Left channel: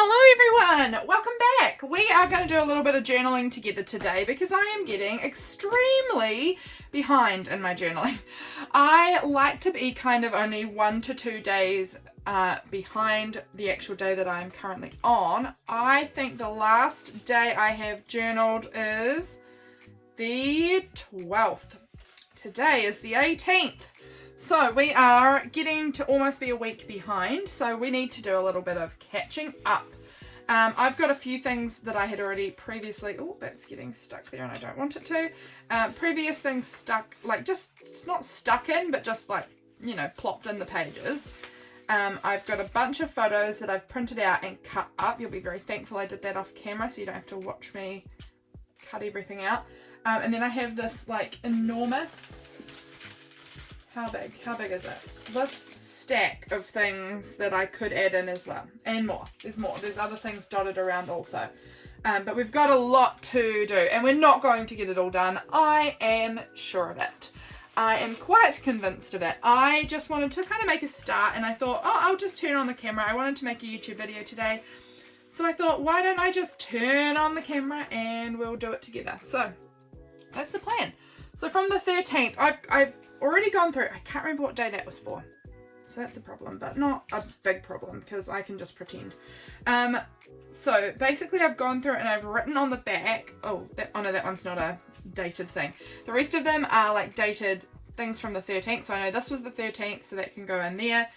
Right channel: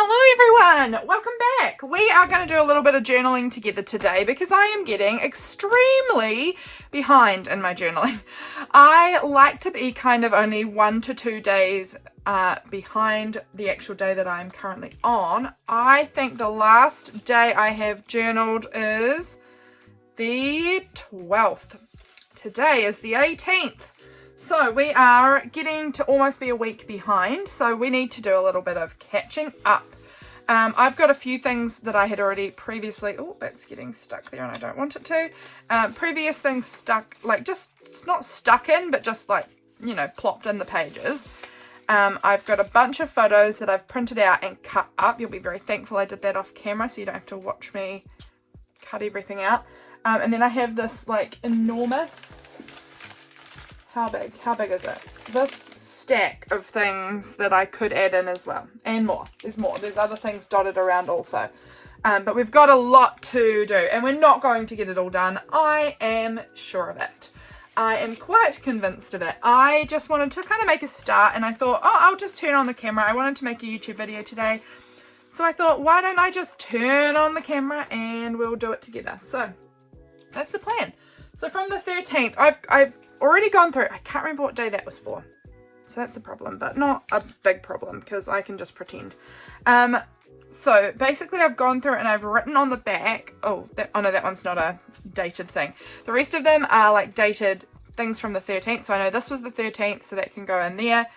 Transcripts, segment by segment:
Hello everyone, welcome back. We are going to do a little bit of journaling together today because I am getting extremely behind in my journaling. I like to be kind of only 1 to 2 days behind the actual day that I'm currently on. I think the last day I have journaled is the 12th. Today is the 18th. So we are getting to almost be a week behind, so we need to do a little bit of catching up. I've got a few things that I had already previously, oh, that's getting stuck there and I don't want it to. Previous things stuck, like just, it's not stuck in, but just like, you know, plopped in the pages. I've got a bunch of photos that I've printed out and cut up. You'll be very thankful I did that off camera so you don't have to watch me cut everything out. And then I have this like enormous, how big is it? This stack of things that I could add in as well, and more. There's other things dotted around also, but we've got a lot to do and we're not going to get it all done. I am sure of it. I am quite convinced of it. I just wanted to kind of make a start and I thought, oh, I'll just turn on the camera. I wanted to make a YouTube video today, so I thought, why don't I just turn on the camera and we'll do it together. So that's the plan. So from the 13th, I've already gone through, I can't remember what day that was for, so that's a problem, but not a big problem because I can just pretend. So basically I've gone through and I've written on the back, oh no, that one's not a dated thing. The rest of them are like dated things from the 13th, so I know this was the 13th, so that can go in there.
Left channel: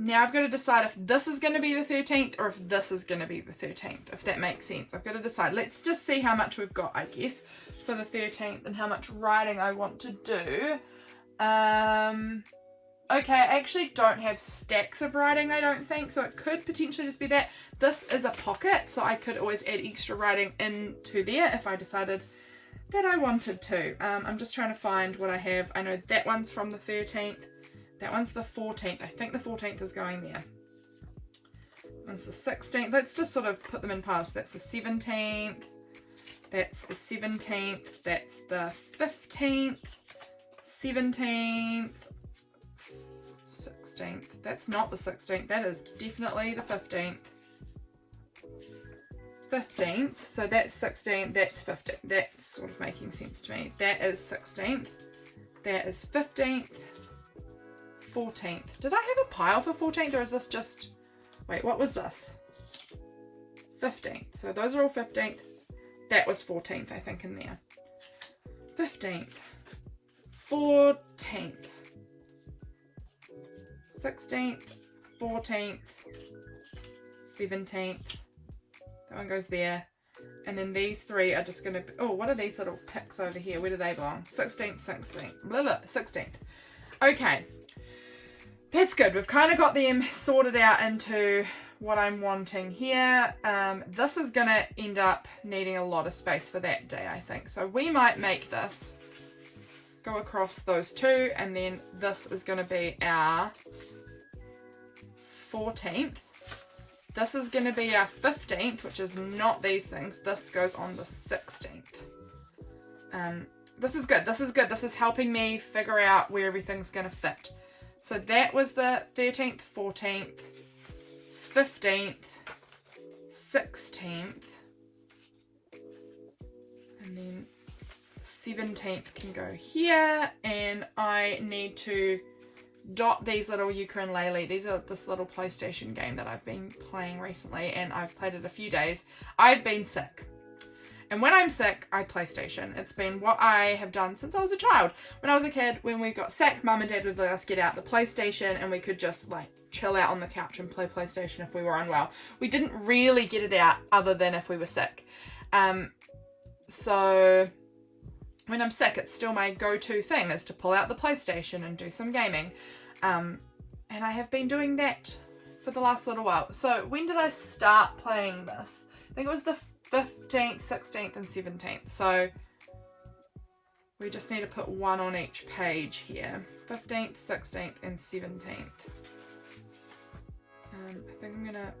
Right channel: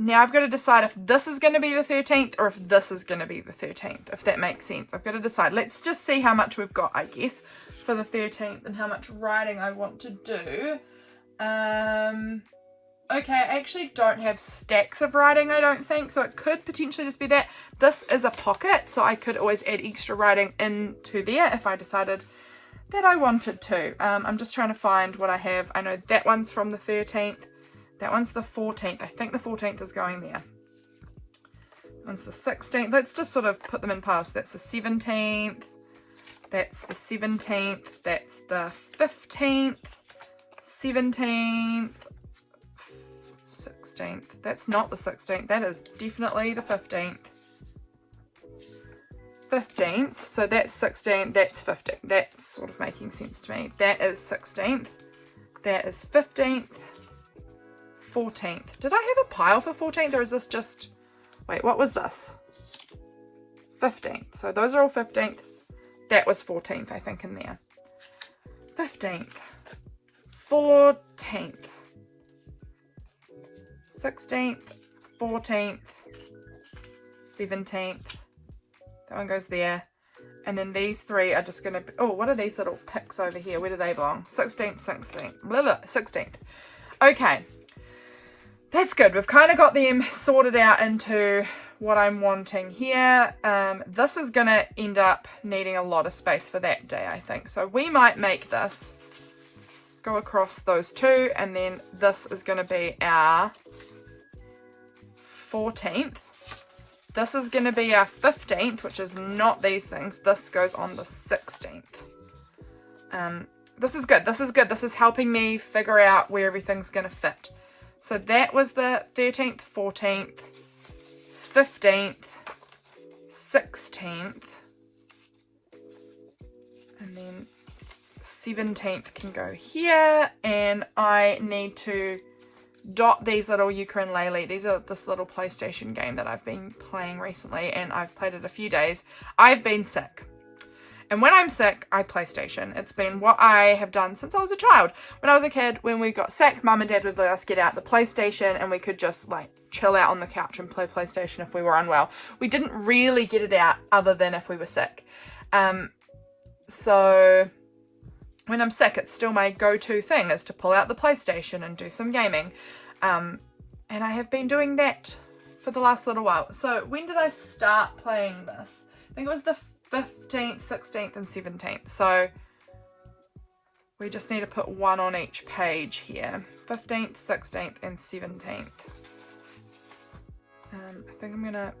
Now I've got to decide if this is going to be the 13th or if this is going to be the 13th, if that makes sense. I've got to decide. Let's just see how much we've got, I guess, for the 13th and how much writing I want to do. Okay, I actually don't have stacks of writing, I don't think, so it could potentially just be that. This is a pocket, so I could always add extra writing into there if I decided that I wanted to. I'm just trying to find what I have. I know that one's from the 13th. That one's the 14th. I think the 14th is going there. That one's the 16th. Let's just sort of put them in piles. That's the 17th. That's the 17th. That's the 15th. 17th. 16th. That's not the 16th. That is definitely the 15th. 15th. So that's 16th. That's 15th. That's sort of making sense to me. That is 16th. That is 15th. 14th. Did I have a pile for 14th or is this just, wait, what was this? 15th. So those are all 15th. That was 14th, I think, in there. 15th. 14th. 16th. 14th. 17th. That one goes there. And then these three are just going to be, oh, what are these little picks over here? Where do they belong? 16th, 16th, blah, blah, 16th. Okay. That's good. We've kind of got them sorted out into what I'm wanting here. This is going to end up needing a lot of space for that day, I think. So we might make this go across those two, and then this is going to be our 14th. This is going to be our 15th, which is not these things. This goes on the 16th. This is good. This is good. This is helping me figure out where everything's going to fit. So that was the 13th, 14th, 15th, 16th, and then 17th can go here, and I need to dot these little ukulele. These are this little PlayStation game that I've been playing recently, and I've played it a few days. I've been sick. And when I'm sick, I PlayStation. It's been what I have done since I was a child. When I was a kid, when we got sick, Mum and Dad would let us get out the PlayStation and we could just like chill out on the couch and play PlayStation if we were unwell. We didn't really get it out other than if we were sick. So when I'm sick, it's still my go-to thing is to pull out the PlayStation and do some gaming. And I have been doing that for the last little while. So when did I start playing this? I think it was the 15th, 16th, and 17th. So we just need to put one on each page here. 15th, 16th, and 17th. I think I'm gonna,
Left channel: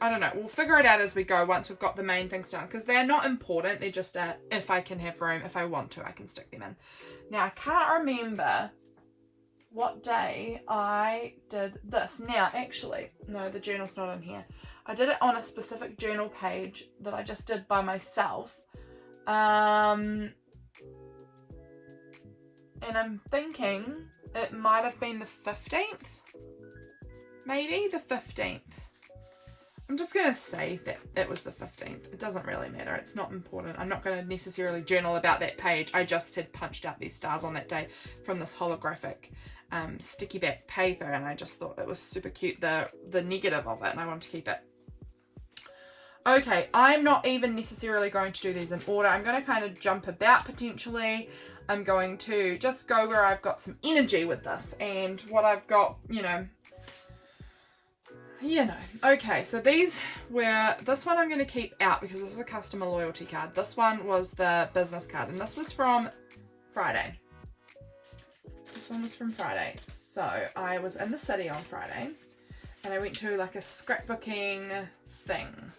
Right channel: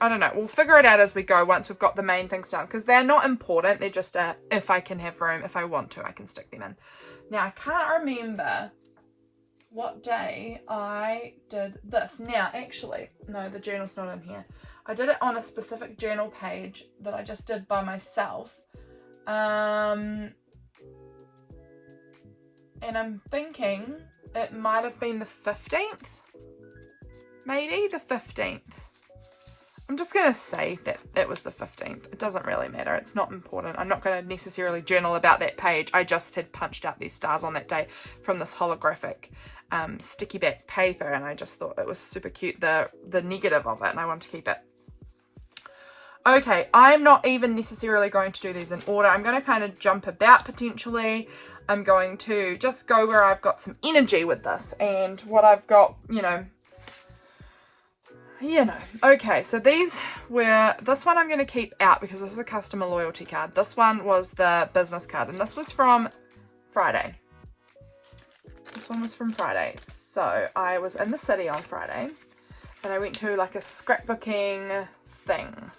I don't know, we'll figure it out as we go once we've got the main things done, because they're not important, they're just if I can have room, if I want to, I can stick them in. Now I can't remember what day I did this. Now, actually, no, the journal's not in here. I did it on a specific journal page that I just did by myself. And I'm thinking it might have been the 15th. Maybe the 15th. I'm just going to say that it was the 15th. It doesn't really matter. It's not important. I'm not going to necessarily journal about that page. I just had punched out these stars on that day from this holographic sticky back paper, and I just thought it was super cute, the negative of it, and I wanted to keep it. Okay, I'm not even necessarily going to do these in order. I'm going to kind of jump about potentially. I'm going to just go where I've got some energy with this and what I've got, you know. Okay, so this one I'm going to keep out because this is a customer loyalty card. This one was the business card, and this was from Friday. This one was from Friday. So I was in the city on Friday, and I went to like a scrapbooking thing.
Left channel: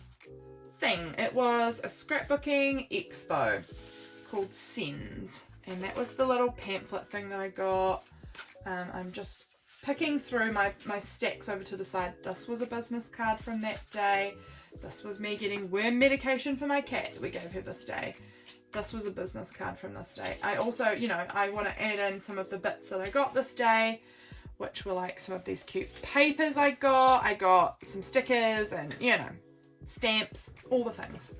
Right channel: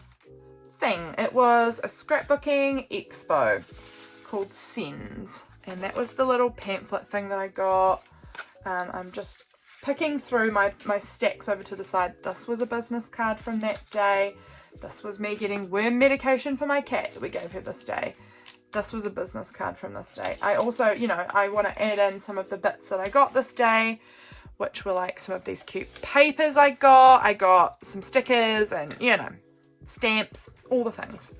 It was a scrapbooking expo called Sins, and that was the little pamphlet thing that I got. I'm just picking through my stacks over to the side. This was a business card from that day. This was me getting worm medication for my cat that we gave her this day. This was a business card from this day. I also, you know, I want to add in some of the bits that I got this day, which were like some of these cute papers I got. I got some stickers and, you know, stamps, all the things.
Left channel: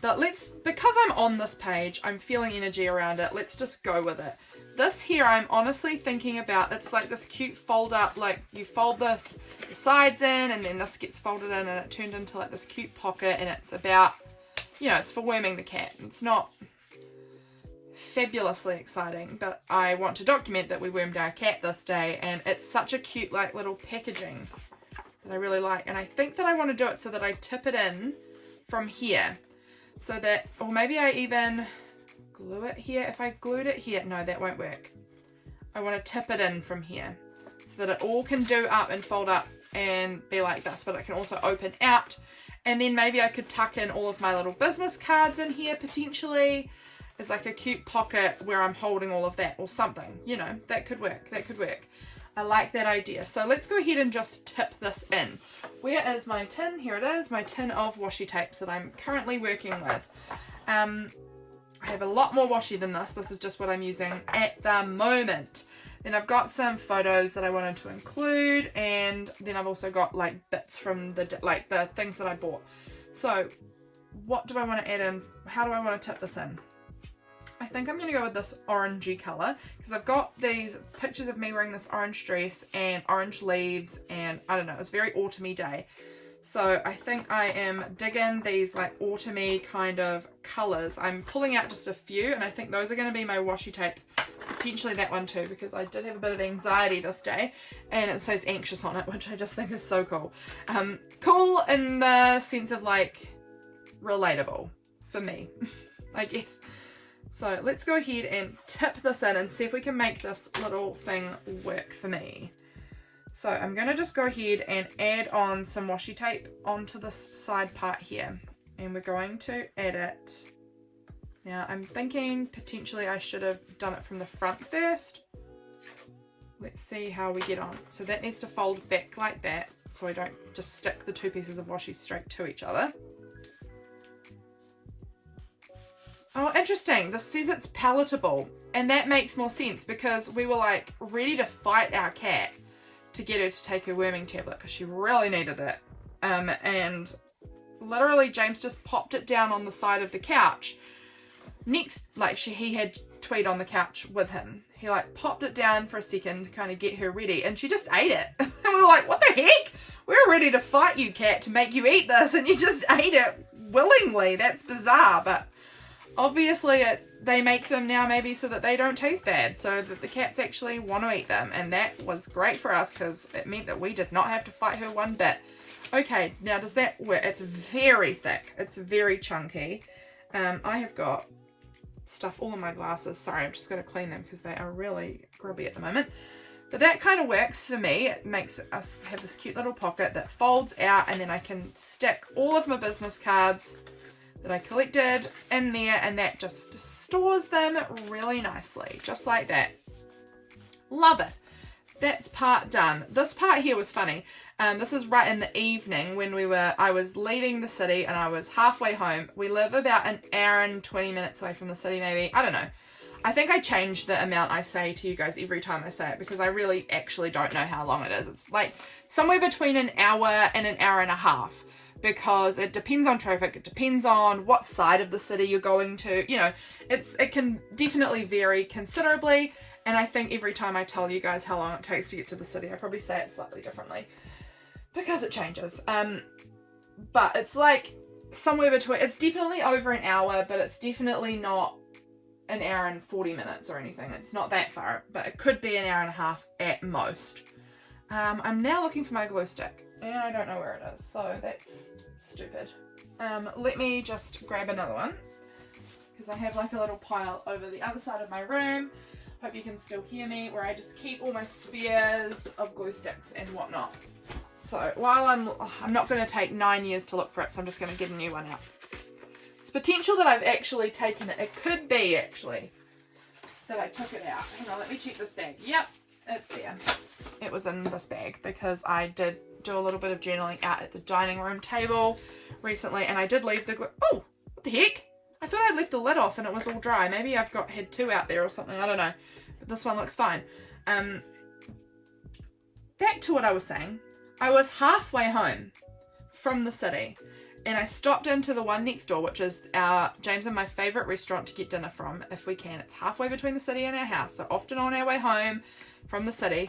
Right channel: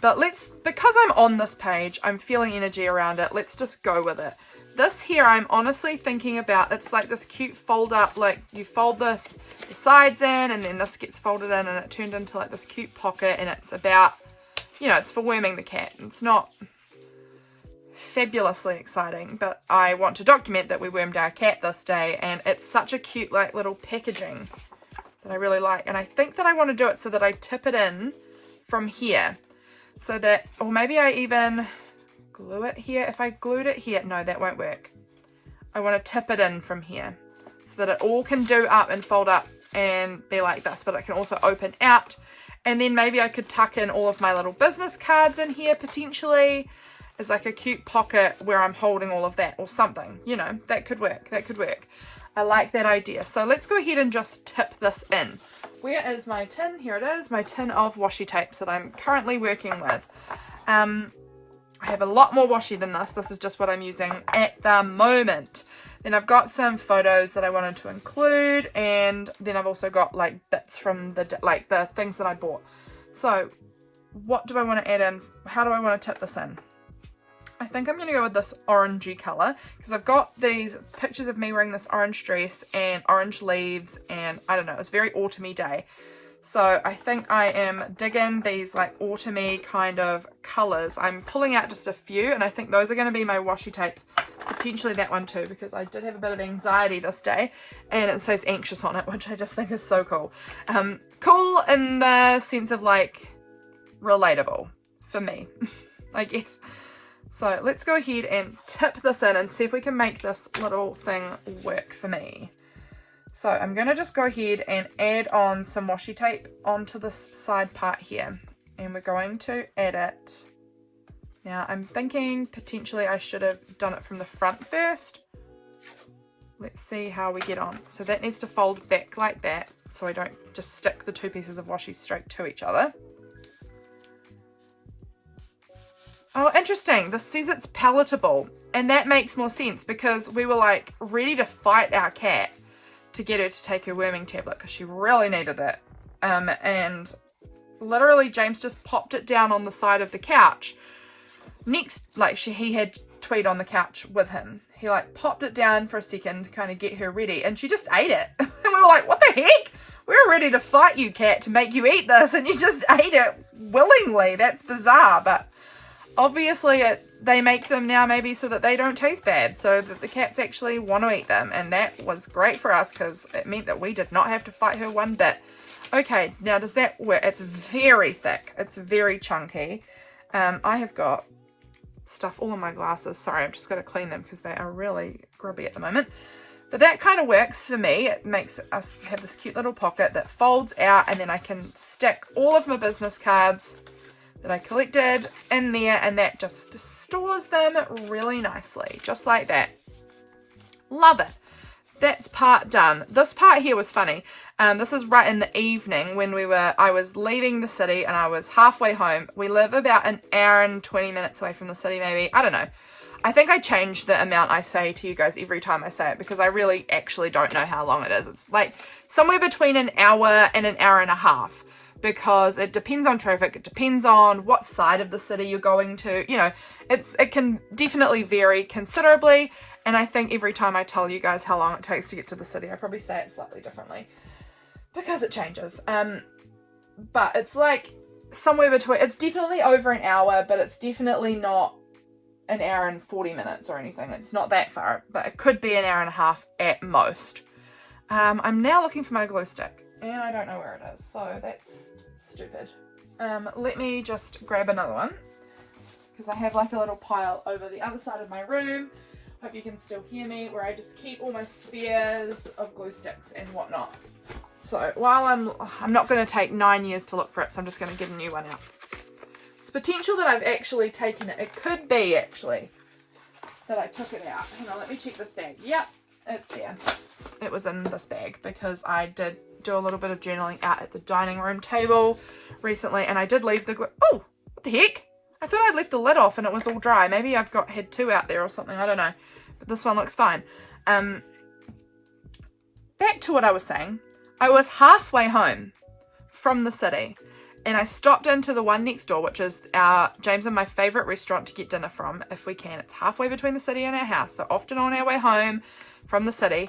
But because I'm on this page, I'm feeling energy around it. Let's just go with it. This here, I'm honestly thinking about, it's like this cute fold up, like you fold the sides in and then this gets folded in and it turned into like this cute pocket, and it's about, you know, it's for worming the cat. It's not fabulously exciting, but I want to document that we wormed our cat this day, and it's such a cute like little packaging that I really like. And I think that I want to do it so that I tip it in from here, so that, or maybe I even glue it here. If I glued it here, no, that won't work. I want to tip it in from here so that it all can do up and fold up and be like this, but it can also open out. And then maybe I could tuck in all of my little business cards in here potentially as like a cute pocket where I'm holding all of that or something, you know, that could work. I like that idea. So let's go ahead and just tip this in. Where is my tin? Here it is, my tin of washi tapes that I'm currently working with. I have a lot more washi than this. This is just what I'm using at the moment. Then I've got some photos that I wanted to include, and then I've also got like bits from the things that I bought. So what do I want to add in? How do I want to tip this in? I think I'm going to go with this orangey colour because I've got these pictures of me wearing this orange dress and orange leaves, and I don't know, it was a very autumny day. So I think I am digging these like autumny kind of colours. I'm pulling out just a few, and I think those are going to be my washi tapes. Potentially that one too, because I did have a bit of anxiety this day, and it says anxious on it, which I just think is so cool. Cool in the sense of like relatable for me, I guess. So let's go ahead and tip this in and see if we can make this little thing work for me. So I'm going to just go ahead and add on some washi tape onto this side part here. And we're going to add it. Now I'm thinking potentially I should have done it from the front first. Let's see how we get on. So that needs to fold back like that, so I don't just stick the two pieces of washi straight to each other. Oh, interesting. This says it's palatable, and that makes more sense because we were like ready to fight our cat to get her to take her worming tablet because she really needed it. And literally James just popped it down on the side of the couch. Next, like he had Tweed on the couch with him. He like popped it down for a second to kind of get her ready, and she just ate it. And we were like, what the heck? We were ready to fight you, cat, to make you eat this, and you just ate it willingly. That's bizarre, but obviously they make them now maybe so that they don't taste bad, so that the cats actually want to eat them, and that was great for us because it meant that we did not have to fight her one bit. Okay, now does that work? It's very thick. It's very chunky. I have got stuff all in my glasses. Sorry, I'm just going to clean them because they are really grubby at the moment. But that kind of works for me. It makes us have this cute little pocket that folds out, and then I can stick all of my business cards that I collected in there, and that just stores them really nicely, just like that. Love it. That's part done. This part here was funny. This is right in the evening when I was leaving the city and I was halfway home. We live about an hour and 20 minutes away from the city, maybe. I don't know. I think I change the amount I say to you guys every time I say it because I really actually don't know how long it is. It's like somewhere between an hour and an hour and a half because it depends on traffic. It depends on what side of the city you're going to. You know, it can definitely vary considerably. And I think every time I tell you guys how long it takes to get to the city, I probably say it slightly differently because it changes. But it's like somewhere between, it's definitely over an hour, but it's definitely not an hour and 40 minutes or anything. It's not that far, but it could be an hour and a half at most. I'm now looking for my glue stick and I don't know where it is, so that's stupid. Let me just grab another one because I have like a little pile over the other side of my room. Hope you can still hear me, where I just keep all my spares of glue sticks and whatnot. So while I'm not going to take 9 years to look for it, so I'm just going to get a new one out. It's potential that I've actually taken it. It could be actually that I took it out. Hang on, let me check this bag. Yep, it's there. It was in this bag because I did do a little bit of journaling out at the dining room table recently, and I did leave the glue. Oh, what the heck? I thought I'd left the lid off and it was all dry. Maybe I've had two out there or something. I don't know. But this one looks fine. Back to what I was saying. I was halfway home from the city and I stopped into the one next door, which is James and my favourite restaurant to get dinner from if we can. It's halfway between the city and our house. So often on our way home from the city,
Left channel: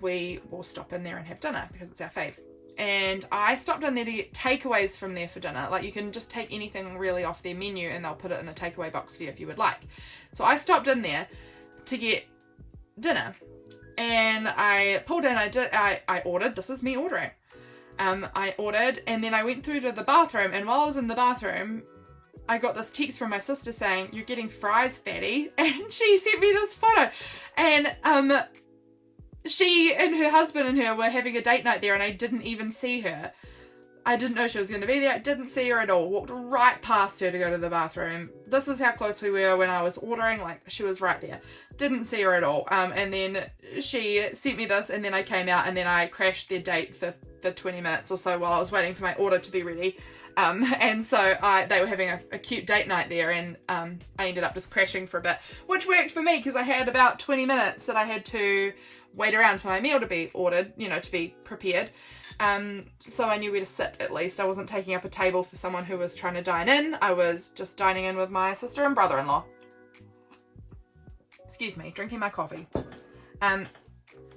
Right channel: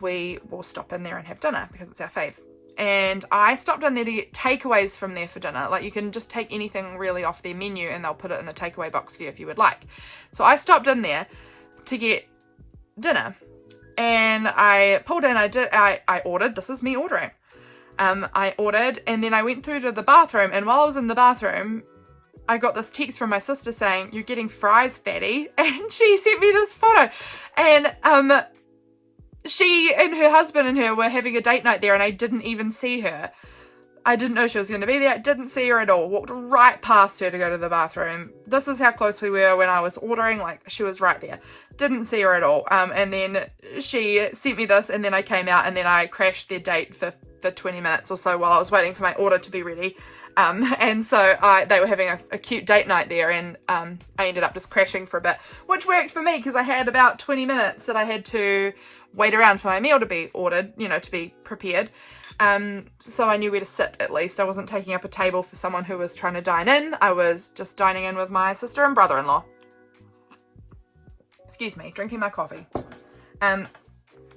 we will stop in there and have dinner because it's our fave. And I stopped in there to get takeaways from there for dinner. Like you can just take anything really off their menu and they'll put it in a takeaway box for you if you would like. So I stopped in there to get dinner and I pulled in, I ordered, this is me ordering. I ordered and then I went through to the bathroom, and while I was in the bathroom, I got this text from my sister saying, "You're getting fries, fatty." And she sent me this photo. And she and her husband and her were having a date night there and I didn't even see her. I didn't know she was going to be there. Didn't see her at all. Walked right past her to go to the bathroom. This is how close we were when I was ordering. Like, she was right there. Didn't see her at all. And then she sent me this and then I came out and then I crashed their date for 20 minutes or so while I was waiting for my order to be ready. And so they were having a cute date night there and I ended up just crashing for a bit, which worked for me because I had about 20 minutes that I had to wait around for my meal to be ordered, you know, to be prepared. So I knew where to sit at least. I wasn't taking up a table for someone who was trying to dine in. I was just dining in with my sister and brother-in-law. Excuse me, drinking my coffee.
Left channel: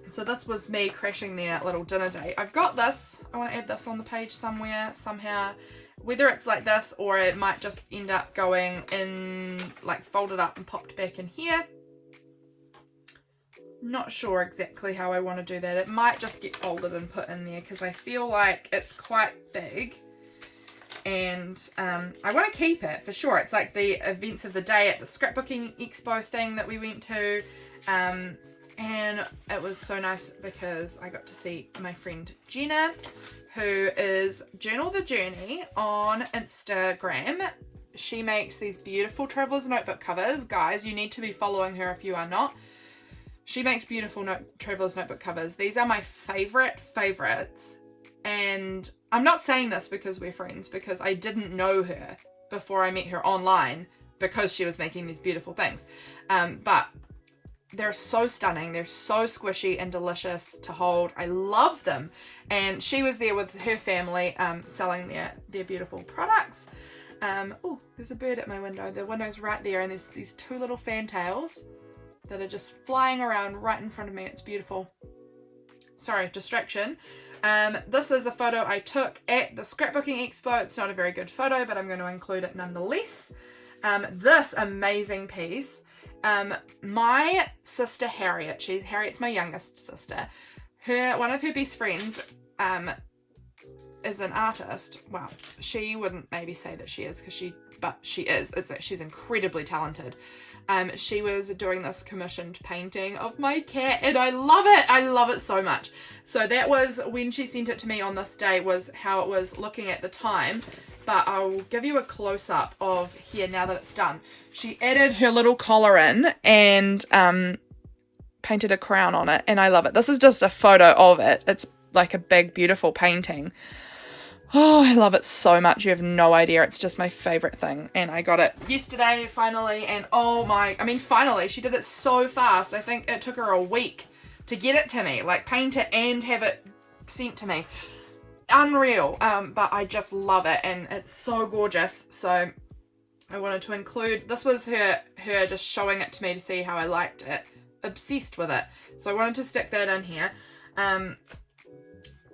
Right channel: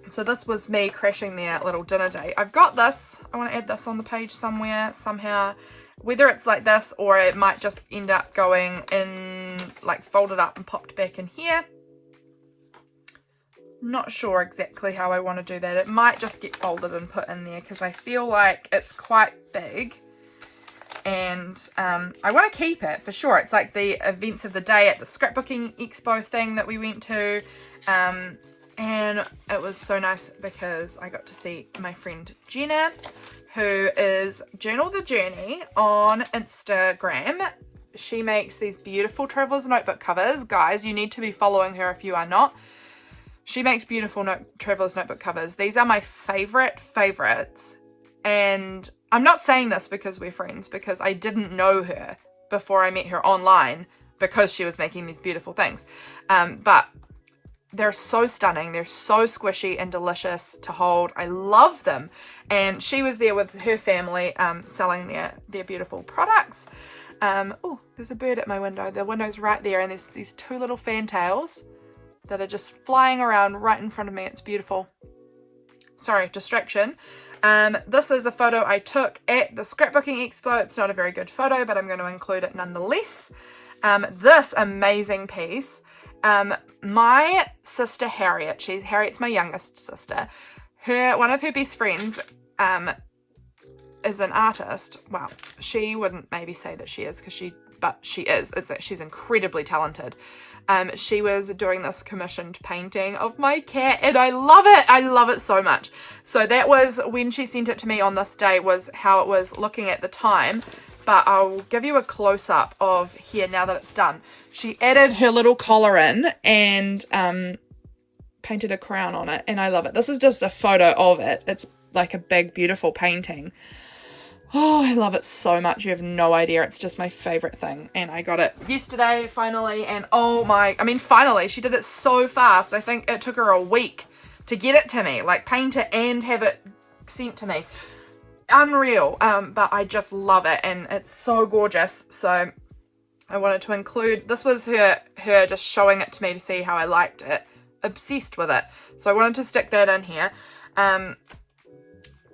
So this was me crashing their little dinner date. I've got this. I want to add this on the page somewhere, somehow. Whether it's like this or it might just end up going in, like folded up and popped back in here. Not sure exactly how I want to do that. It might just get folded and put in there because I feel like it's quite big. And I want to keep it for sure. It's like the events of the day at the scrapbooking expo thing that we went to. And it was so nice because I got to see my friend Jenna, who is Journal the Journey on Instagram. She makes these beautiful traveler's notebook covers. Guys, you need to be following her if you are not. She makes beautiful traveler's notebook covers. These are my favorites. And I'm not saying this because we're friends, because I didn't know her before I met her online because she was making these beautiful things. But they're so stunning. They're so squishy and delicious to hold. I love them. And she was there with her family selling their beautiful products. Oh, there's a bird at my window. The window's right there and there's these two little fantails that are just flying around right in front of me. It's beautiful. Sorry, distraction. This is a photo I took at the scrapbooking expo. It's not a very good photo, but I'm going to include it nonetheless. This amazing piece. My sister Harriet's my youngest sister. One of her best friends is an artist. Well, she wouldn't maybe say that she is but she is. She's incredibly talented. She was doing this commissioned painting of my cat and I love it. I love it so much. So that was when she sent it to me on this day, was how it was looking at the time. But I'll give you a close-up of here now that it's done. She added her little collar in and painted a crown on it, and I love it. This is just a photo of it. It's like a big, beautiful painting. Oh, I love it so much. You have no idea. It's just my favorite thing. And I got it yesterday, finally. And finally, she did it so fast. I think it took her a week to get it to me. Like, paint it and have it sent to me. Unreal. But I just love it. And it's so gorgeous. So I wanted to include, this was her just showing it to me to see how I liked it. Obsessed with it. So I wanted to stick that in here.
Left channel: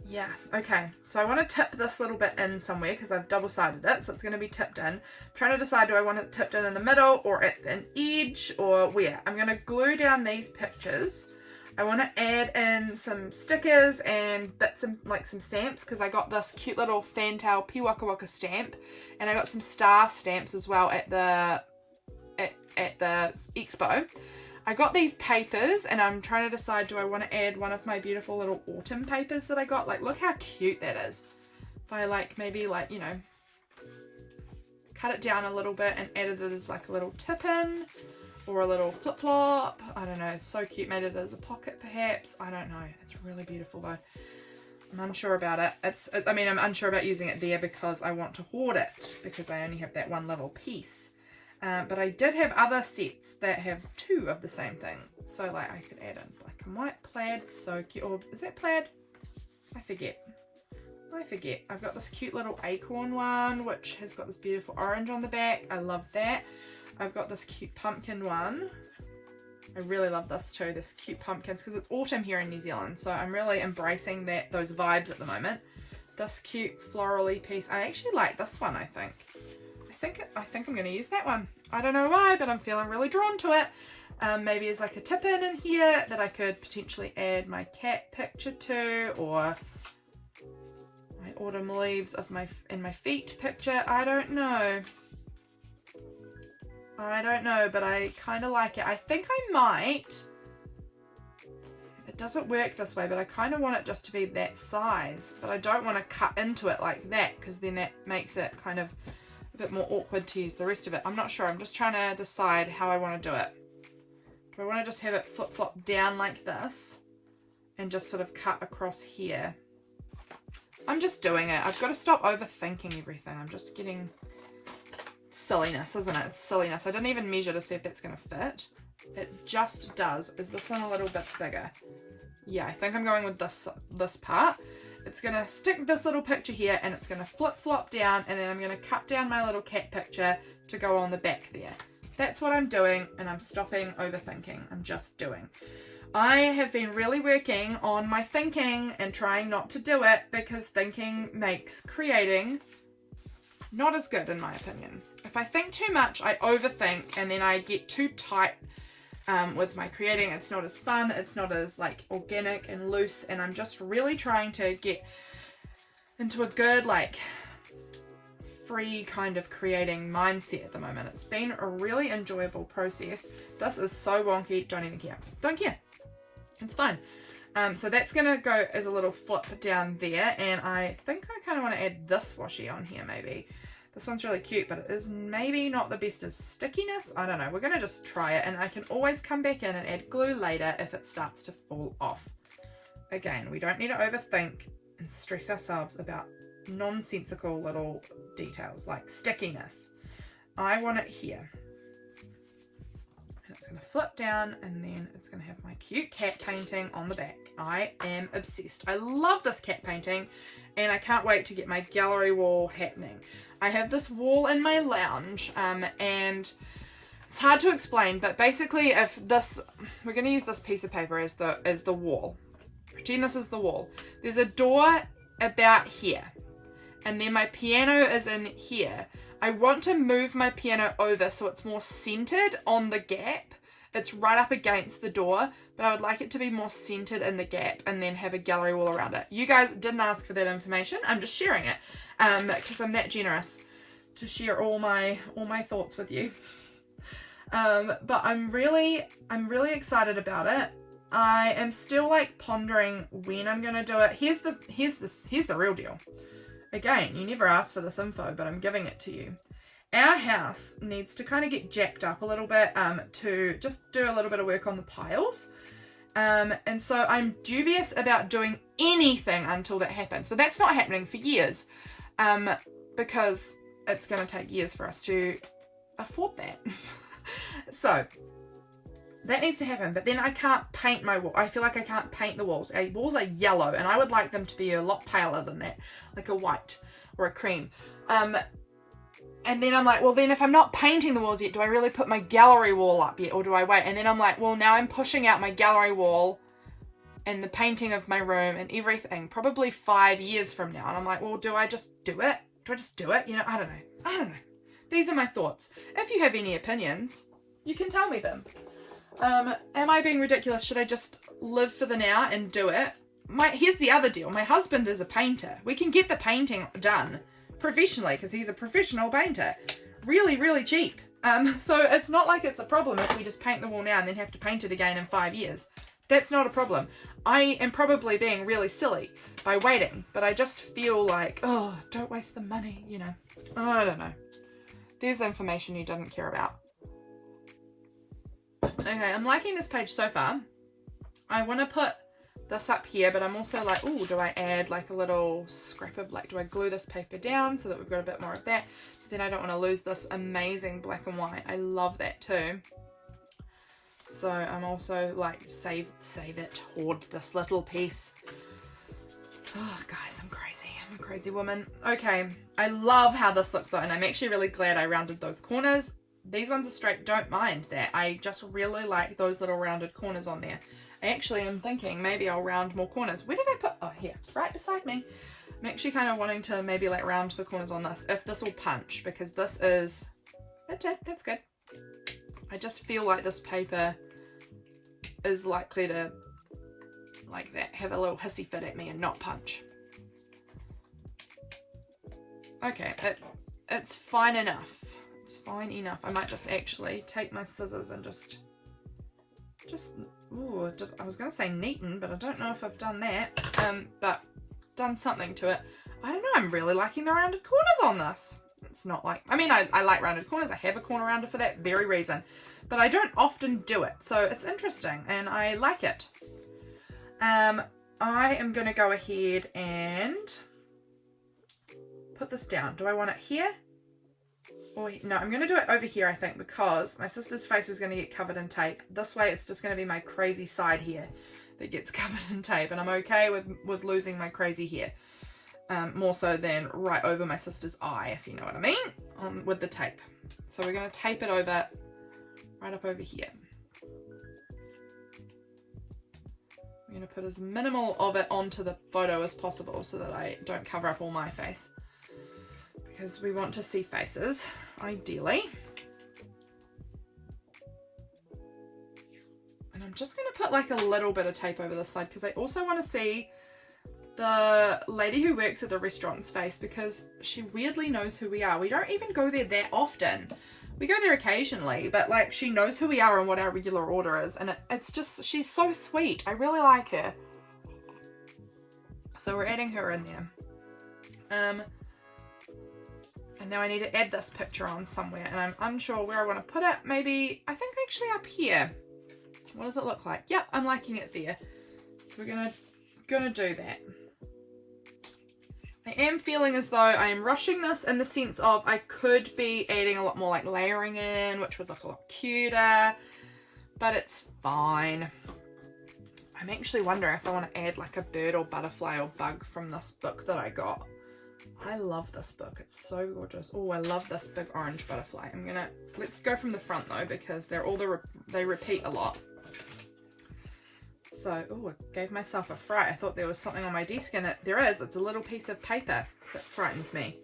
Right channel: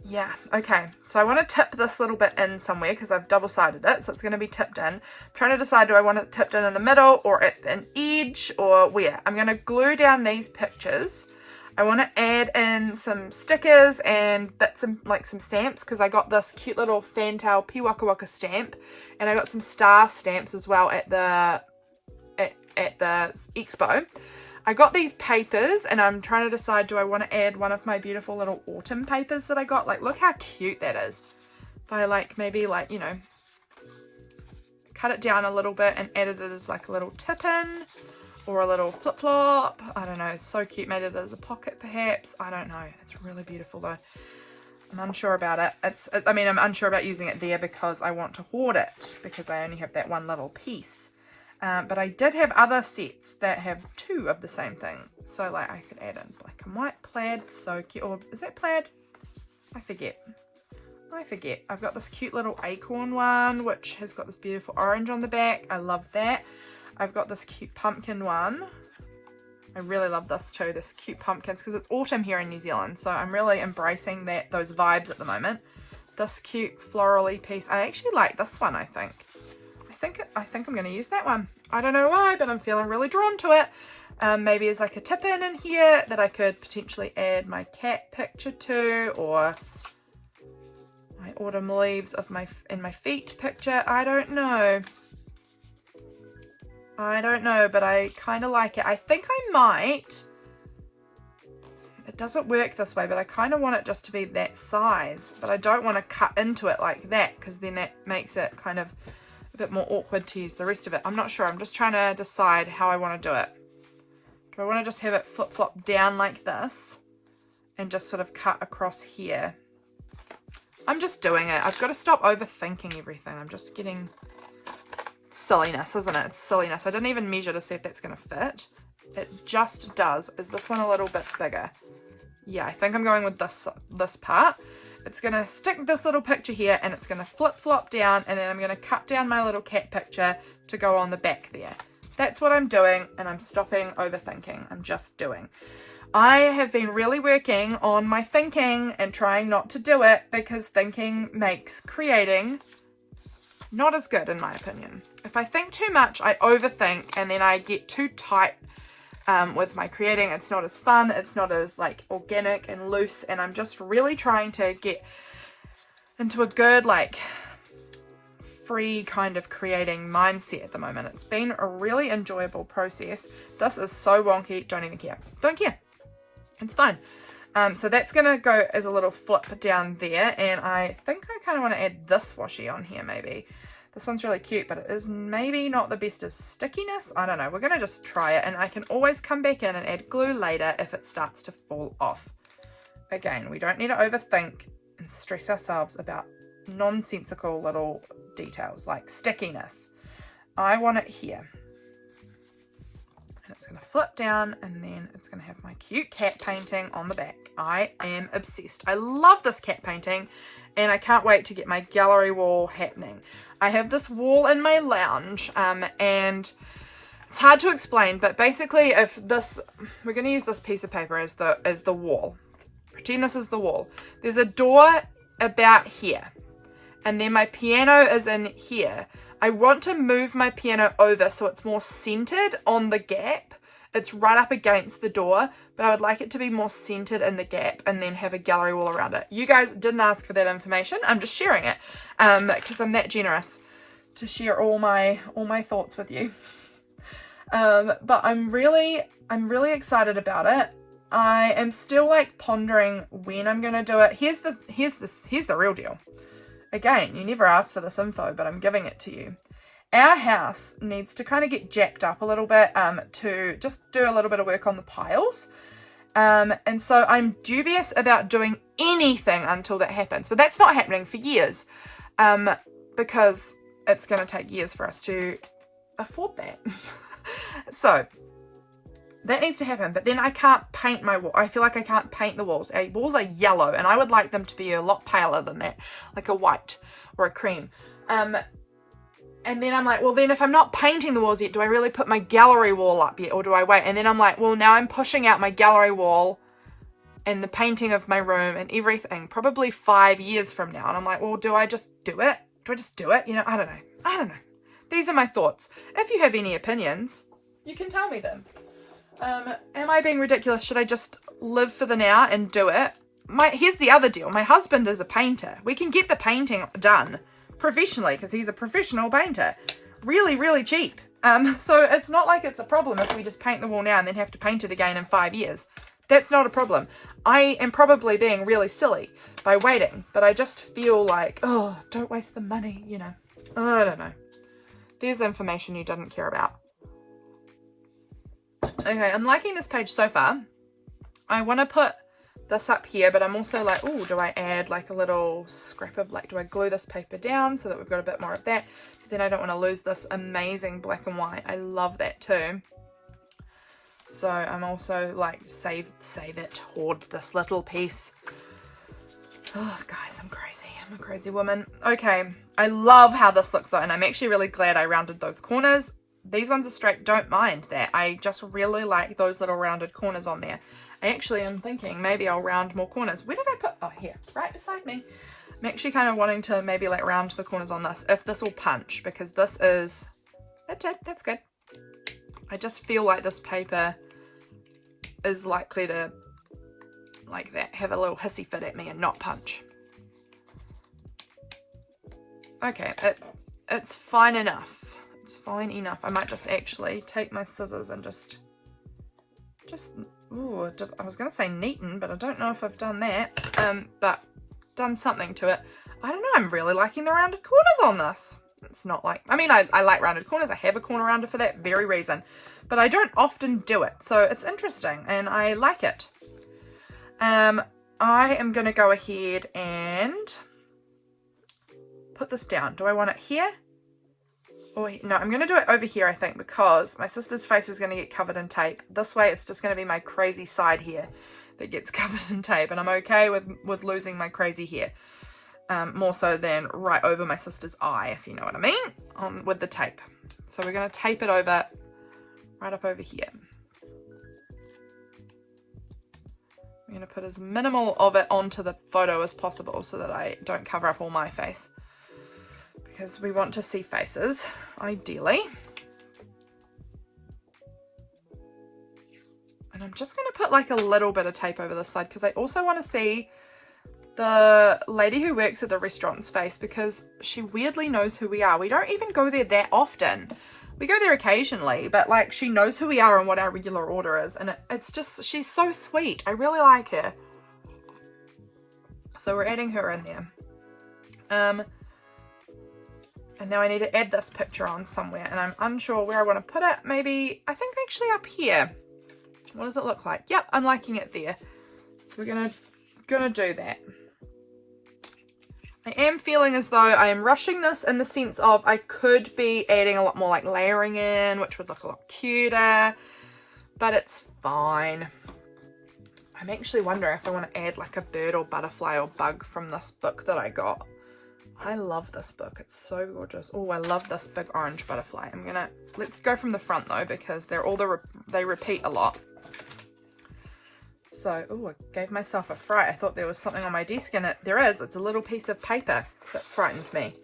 Yeah, okay, so I want to tip this little bit in somewhere because I've double-sided it, so it's going to be tipped in. I'm trying to decide, do I want it tipped in the middle or at an edge or where? I'm going to glue down these pictures. I want to add in some stickers and bits and like some stamps because I got this cute little fantail Piwaka Waka stamp, and I got some star stamps as well at the expo. I got these papers and I'm trying to decide, do I want to add one of my beautiful little autumn papers that I got? Like, look how cute that is. If I like, maybe like, you know, cut it down a little bit and added it as like a little tip in or a little flip-flop. I don't know. It's so cute. Made it as a pocket perhaps. I don't know. It's really beautiful though. I'm unsure about it. I'm unsure about using it there because I want to hoard it because I only have that one little piece. But I did have other sets that have two of the same thing. So like I could add in black and white plaid. So cute. Or is that plaid? I forget. I've got this cute little acorn one, which has got this beautiful orange on the back. I love that. I've got this cute pumpkin one. I really love this too, this cute pumpkins, because it's autumn here in New Zealand. So I'm really embracing those vibes at the moment. This cute florally piece. I actually like this one, I think. I think I'm going to use that one. I don't know why, but I'm feeling really drawn to it. Maybe as like a tip in here that I could potentially add my cat picture to, or my autumn leaves of my feet picture. I don't know, but I kind of like it. I think I might. It doesn't work this way, but I kind of want it just to be that size, but I don't want to cut into it like that because then that makes it kind of bit more awkward to use the rest of it. I'm not sure. I'm just trying to decide how I want to do it. Do I want to just have it flip-flop down like this and just sort of cut across here? I'm just doing it. I've got to stop overthinking everything. I'm just getting silliness, isn't it? It's silliness. I didn't even measure to see if that's going to fit. It just does. Is this one a little bit bigger? Yeah, I think I'm going with this part. It's going to stick this little picture here and it's going to flip-flop down, and then I'm going to cut down my little cat picture to go on the back there. That's what I'm doing, and I'm stopping overthinking. I'm just doing. I have been really working on my thinking and trying not to do it because thinking makes creating not as good, in my opinion. If I think too much, I overthink and then I get too tight with my creating. It's not as fun, it's not as like organic and loose, and I'm just really trying to get into a good like free kind of creating mindset at the moment. It's been a really enjoyable process. This is so wonky, don't even care. Don't care. It's fine. So that's gonna go as a little flip down there, and I think I kind of want to add this washi on here maybe. This one's really cute, but it is maybe not the best as stickiness. I don't know. We're going to just try it, and I can always come back in and add glue later if it starts to fall off. Again, we don't need to overthink and stress ourselves about nonsensical little details like stickiness. I want it here. And it's going to flip down, and then it's going to have my cute cat painting on the back. I am obsessed. I love this cat painting, and I can't wait to get my gallery wall happening. I have this wall in my lounge, and it's hard to explain, but basically we're going to use this piece of paper as the wall. Pretend this is the wall. There's a door about here, and then my piano is in here. I want to move my piano over so it's more centered on the gap. It's right up against the door, but I would like it to be more centered in the gap and then have a gallery wall around it. You guys didn't ask for that information. I'm just sharing it because I'm that generous to share all my thoughts with you. But I'm really excited about it. I am still like pondering when I'm going to do it. Here's the real deal. Again, you never asked for this info, but I'm giving it to you. Our house needs to kind of get jacked up a little bit to just do a little bit of work on the piles. And so I'm dubious about doing anything until that happens. But that's not happening for years, because it's going to take years for us to afford that. So that needs to happen. But then I can't paint my wall. I feel like I can't paint the walls. Our walls are yellow, and I would like them to be a lot paler than that, like a white or a cream. And then I'm like, well, then if I'm not painting the walls yet, do I really put my gallery wall up yet, or do I wait? And then I'm like, well, now I'm pushing out my gallery wall and the painting of my room and everything probably 5 years from now. And I'm like, well, do I just do it? Do I just do it? You know, I don't know. These are my thoughts. If you have any opinions, you can tell me them. Am I being ridiculous? Should I just live for the now and do it? Here's the other deal. My husband is a painter. We can get the painting done professionally because he's a professional painter. Really, really cheap. So it's not like it's a problem if we just paint the wall now and then have to paint it again in 5 years. That's not a problem. I am probably being really silly by waiting, but I just feel like, oh, don't waste the money, you know. I don't know. There's information you didn't care about. Okay, I'm liking this page so far. I want to put this up here, but I'm also like, oh, do I add like a little scrap of, like, do I glue this paper down so that we've got a bit more of that? Then I don't want to lose this amazing black and white. I love that too. So I'm also like, save it, hoard this little piece. Oh, guys, I'm crazy. I'm a crazy woman. Okay, I love how this looks though, and I'm actually really glad I rounded those corners. These ones are straight, don't mind that. I just really like those little rounded corners on there. I actually am thinking maybe I'll round more corners. Where did I put? Oh, here, right beside me. I'm actually kind of wanting to maybe like round the corners on this, if this will punch, because this is, that's it, that's good. I just feel like this paper is likely to, like that, have a little hissy fit at me and not punch. Okay, it's fine enough. It's fine enough. I might just actually take my scissors and just, ooh, I was going to say neaten, but I don't know if I've done that, but done something to it. I don't know, I'm really liking the rounded corners on this. It's not like, I mean, I like rounded corners. I have a corner rounder for that very reason, but I don't often do it. So it's interesting and I like it. I am going to go ahead and put this down. Do I want it here? Or, no, I'm going to do it over here, I think, because my sister's face is going to get covered in tape. This way, it's just going to be my crazy side here that gets covered in tape. And I'm okay with losing my crazy hair. More so than right over my sister's eye, if you know what I mean, with the tape. So we're going to tape it over, right up over here. I'm going to put as minimal of it onto the photo as possible so that I don't cover up all my face. Because we want to see faces, ideally. And I'm just going to put like a little bit of tape over this side because I also want to see the lady who works at the restaurant's face, because she weirdly knows who we are. We don't even go there that often. We go there occasionally, but like she knows who we are and what our regular order is. And it's just, she's so sweet. I really like her. So we're adding her in there. And now I need to add this picture on somewhere, and I'm unsure where I want to put it. Maybe, I think actually up here. What does it look like? Yep, I'm liking it there. So we're gonna do that. I am feeling as though I am rushing this in the sense of I could be adding a lot more like layering in, which would look a lot cuter, but it's fine. I'm actually wondering if I want to add like a bird or butterfly or bug from this book that I got. I love this book. It's so gorgeous. Oh, I love this big orange butterfly. Let's go from the front though, because they're all they repeat a lot. So, oh, I gave myself a fright. I thought there was something on my desk, and there is. It's a little piece of paper that frightened me.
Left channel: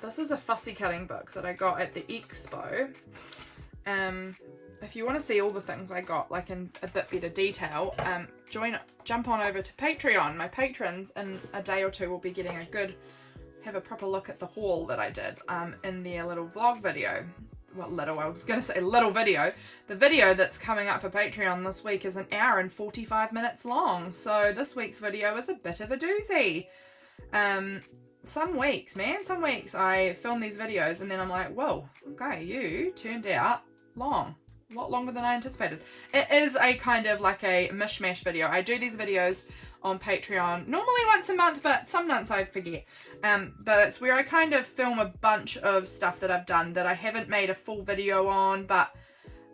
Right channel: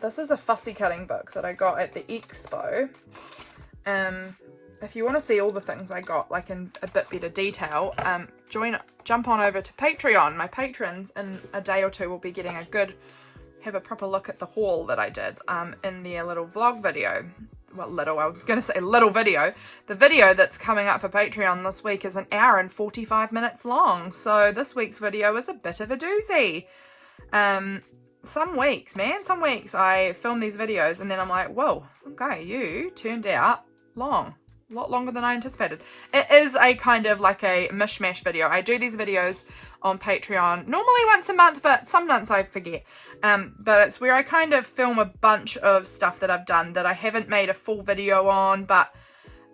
This is a fussy cutting book that I got at the expo. If you want to see all the things I got, like in a bit better detail, jump on over to Patreon. My patrons in a day or two will be getting have a proper look at the haul that I did in their little vlog video. Well, I was going to say little video. The video that's coming up for Patreon this week is 1 hour and 45 minutes long. So this week's video is a bit of a doozy. Some weeks I film these videos and then I'm like, whoa, okay, you turned out long. a lot longer than I anticipated. It is a kind of like a mishmash video. I do these videos on Patreon normally once a month, but some months I forget. But it's where I kind of film a bunch of stuff that I've done that I haven't made a full video on, but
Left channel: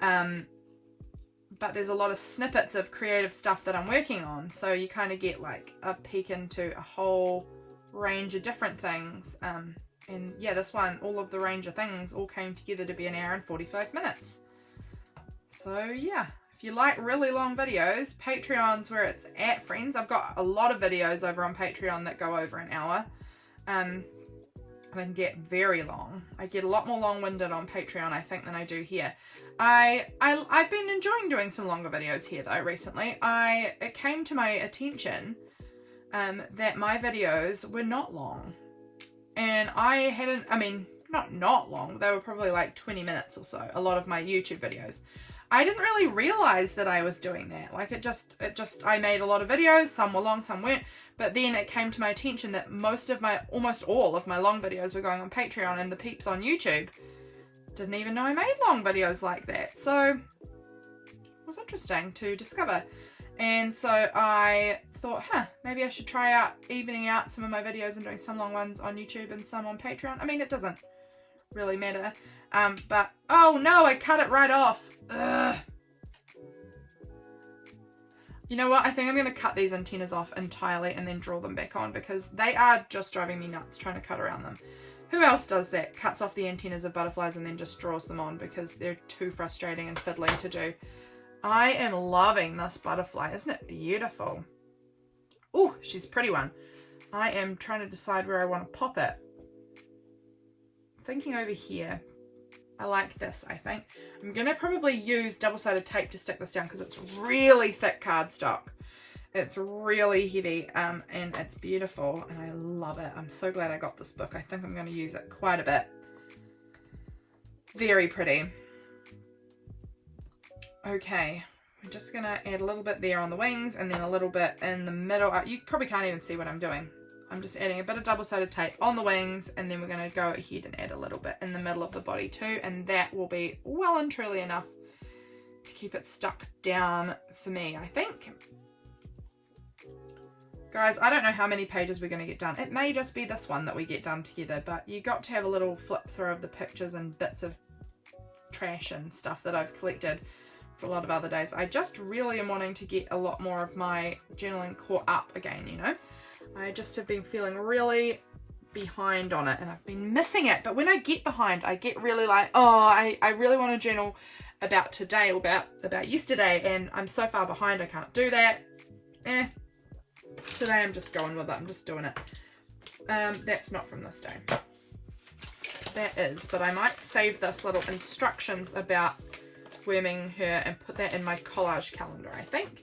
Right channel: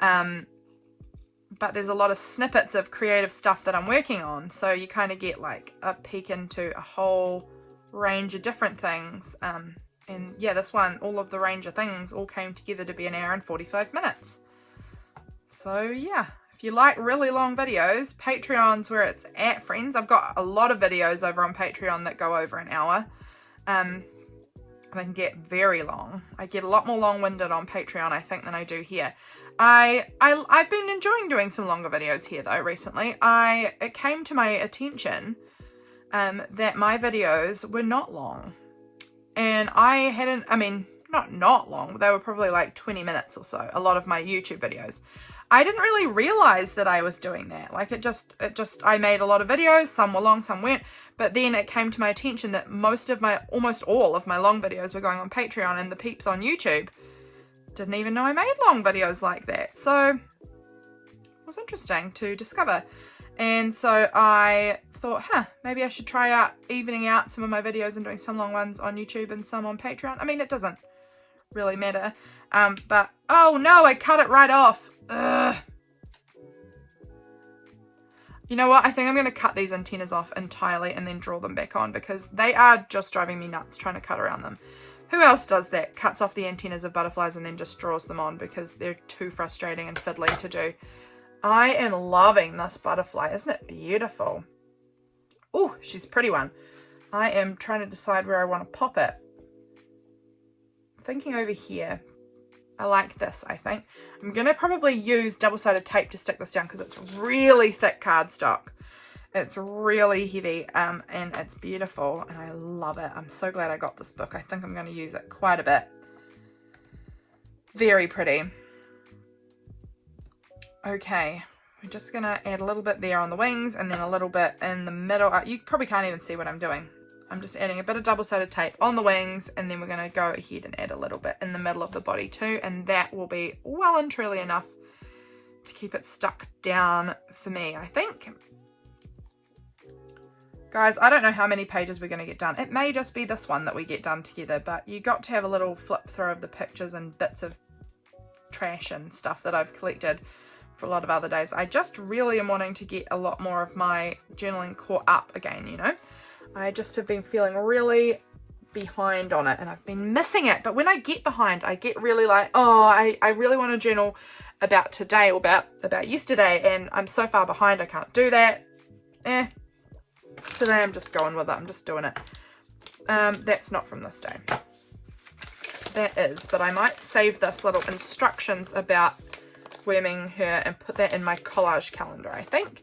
there's a lot of snippets of creative stuff that I'm working on. So you kind of get like a peek into a whole range of different things. And yeah, this one, all of the range of things all came together to be an hour and 45 minutes. So yeah, if you like really long videos, Patreon's where it's at, friends. I've got a lot of videos over on Patreon that go over an hour. They can get very long. I get a lot more long-winded on Patreon, I think, than I do here. I've been enjoying doing some longer videos here though recently. It came to my attention that my videos were not long. And not long, they were probably like 20 minutes or so, a lot of my YouTube videos. I didn't really realize that I was doing that. Like I made a lot of videos, some were long, some weren't, but then it came to my attention that almost all of my long videos were going on Patreon, and the peeps on YouTube didn't even know I made long videos like that. So it was interesting to discover. And so I thought, maybe I should try out evening out some of my videos and doing some long ones on YouTube and some on Patreon. I mean, it doesn't really matter. But, oh no, I cut it right off. Ugh. You know what? I think I'm going to cut these antennas off entirely and then draw them back on, because they are just driving me nuts trying to cut around them. Who else does that? Cuts off the antennas of butterflies and then just draws them on because they're too frustrating and fiddly to do. I am loving this butterfly. Isn't it beautiful? Oh, she's a pretty one. I am trying to decide where I want to pop it. Thinking over here. I like this, I think. I'm going to probably use double-sided tape to stick this down because it's really thick cardstock. It's really heavy and it's beautiful and I love it. I'm so glad I got this book. I think I'm going to use it quite a bit. Very pretty. Okay, we're just going to add a little bit there on the wings and then a little bit in the middle. You probably can't even see what I'm doing. I'm just adding a bit of double-sided tape on the wings, and then we're going to go ahead and add a little bit in the middle of the body too, and that will be well and truly enough to keep it stuck down for me, I think. Guys, I don't know how many pages we're going to get done. It may just be this one that we get done together, but you got to have a little flip through of the pictures and bits of trash and stuff that I've collected for a lot of other days. I just really am wanting to get a lot more of my journaling caught up again, you know. I just have been feeling really behind on it and I've been missing it. But when I get behind, I get really like, oh, I really want to journal about today or about yesterday, and I'm so far behind I can't do that. Today I'm just going with it. I'm just doing it. That's not from this day. That is, but I might save this little instructions about worming her and put that in my collage calendar, I think.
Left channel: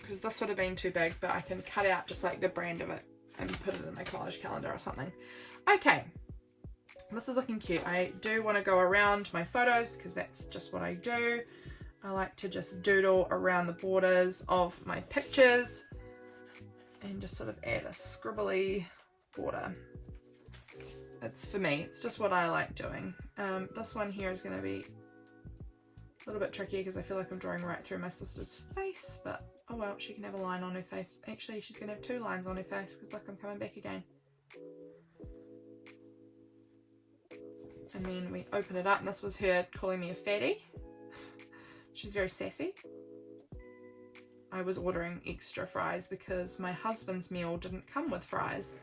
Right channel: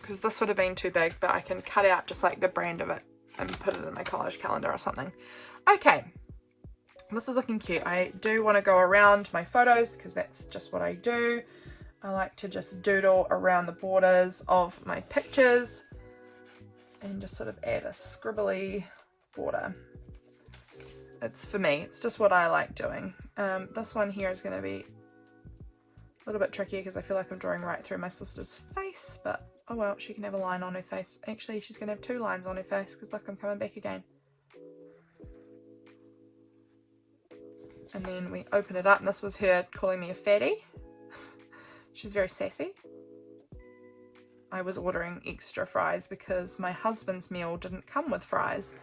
Because this would have been too big, but I can cut out just like the brand of it and put it in my collage calendar or something. Okay, this is looking cute. I do want to go around my photos because that's just what I do. I like to just doodle around the borders of my pictures and just sort of add a scribbly border. It's for me, it's just what I like doing. This one here is going to be a little bit tricky because I feel like I'm drawing right through my sister's face, but oh well, she can have a line on her face. Actually, she's going to have two lines on her face because look, I'm coming back again. And then we open it up, and this was her calling me a fatty. She's very sassy. I was ordering extra fries because my husband's meal didn't come with fries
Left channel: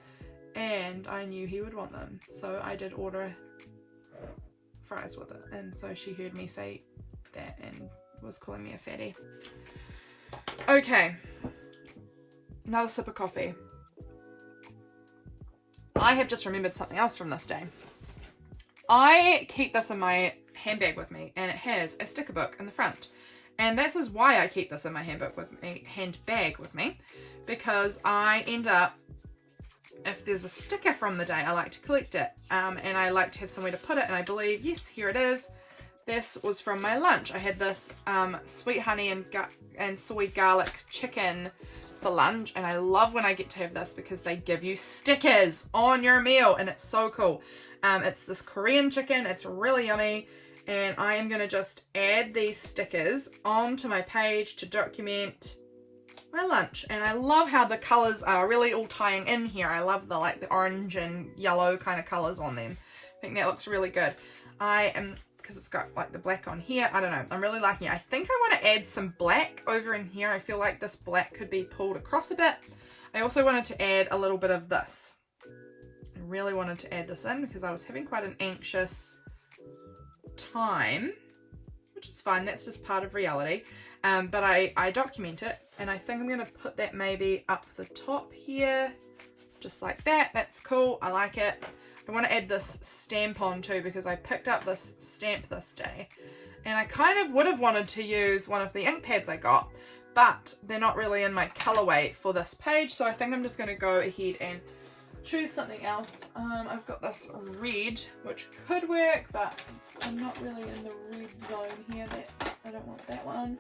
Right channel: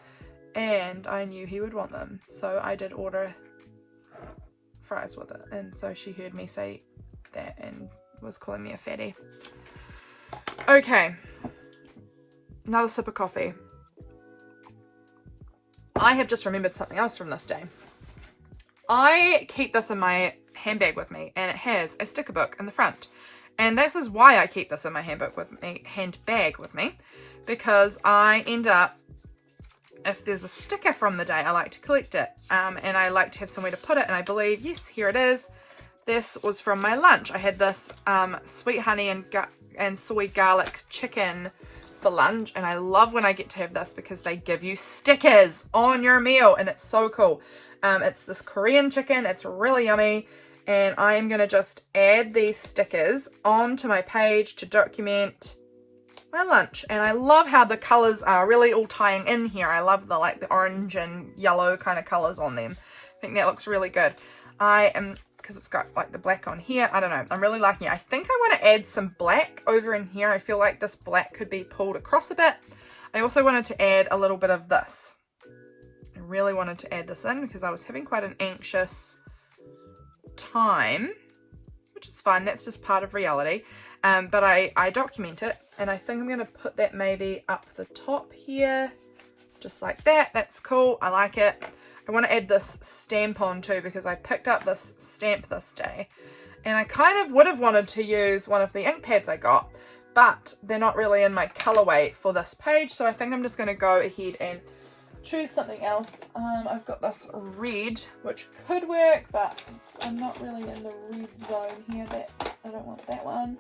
and I knew he would want them. So I did order fries with it, and so she heard me say that and was calling me a fatty. Okay, another sip of coffee. I have just remembered something else from this day. I keep this in my handbag with me, and it has a sticker book in the front. And this is why I keep this in my handbag with me, because I end up, if there's a sticker from the day, I like to collect it, and I like to have somewhere to put it. And I believe, yes, here it is. This was from my lunch. I had this sweet honey and soy garlic chicken for lunch, and I love when I get to have this because they give you stickers on your meal, and it's so cool. It's this Korean chicken. It's really yummy, and I am going to just add these stickers onto my page to document my lunch. And I love how the colours are really all tying in here. I love the like the orange and yellow kind of colours on them. I think that looks really good. Because it's got like the black on here, I don't know, I'm really liking it. I think I want to add some black over in here. I feel like this black could be pulled across a bit. I also wanted to add a little bit of this. I really wanted to add this in because I was having quite an anxious time, which is fine, that's just part of reality. But I document it, and I think I'm going to put that maybe up the top here, just like that. That's cool, I like it. I want to add this stamp on too because I picked up this stamp this day, and I kind of would have wanted to use one of the ink pads I got, but they're not really in my colorway for this page, so I think I'm just going to go ahead and choose something else. I've got this red, which could work, but I'm not really in the red zone here. That I don't want that one.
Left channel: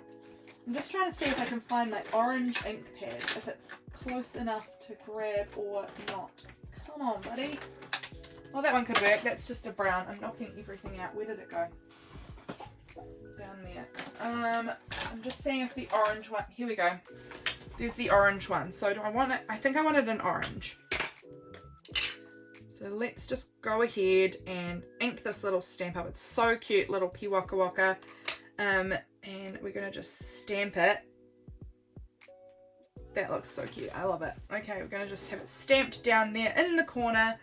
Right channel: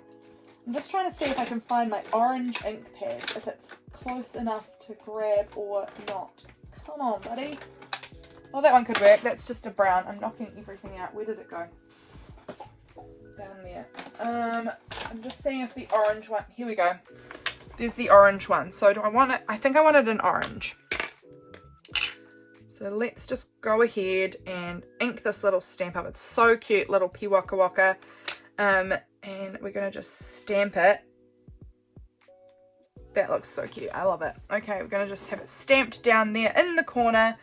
I'm just trying to see if I can find my orange ink pad, if it's close enough to grab or not. Come on, buddy. Well, that one could work. That's just a brown. I'm knocking everything out. Where did it go? Down there. I'm just seeing if the orange one... Here we go. There's the orange one. So do I want it? I think I wanted an orange. So let's just go ahead and ink this little stamp up. It's so cute, little Piwaka Waka. And we're going to just stamp it. That looks so cute. I love it. Okay, we're going to just have it stamped down there in the corner,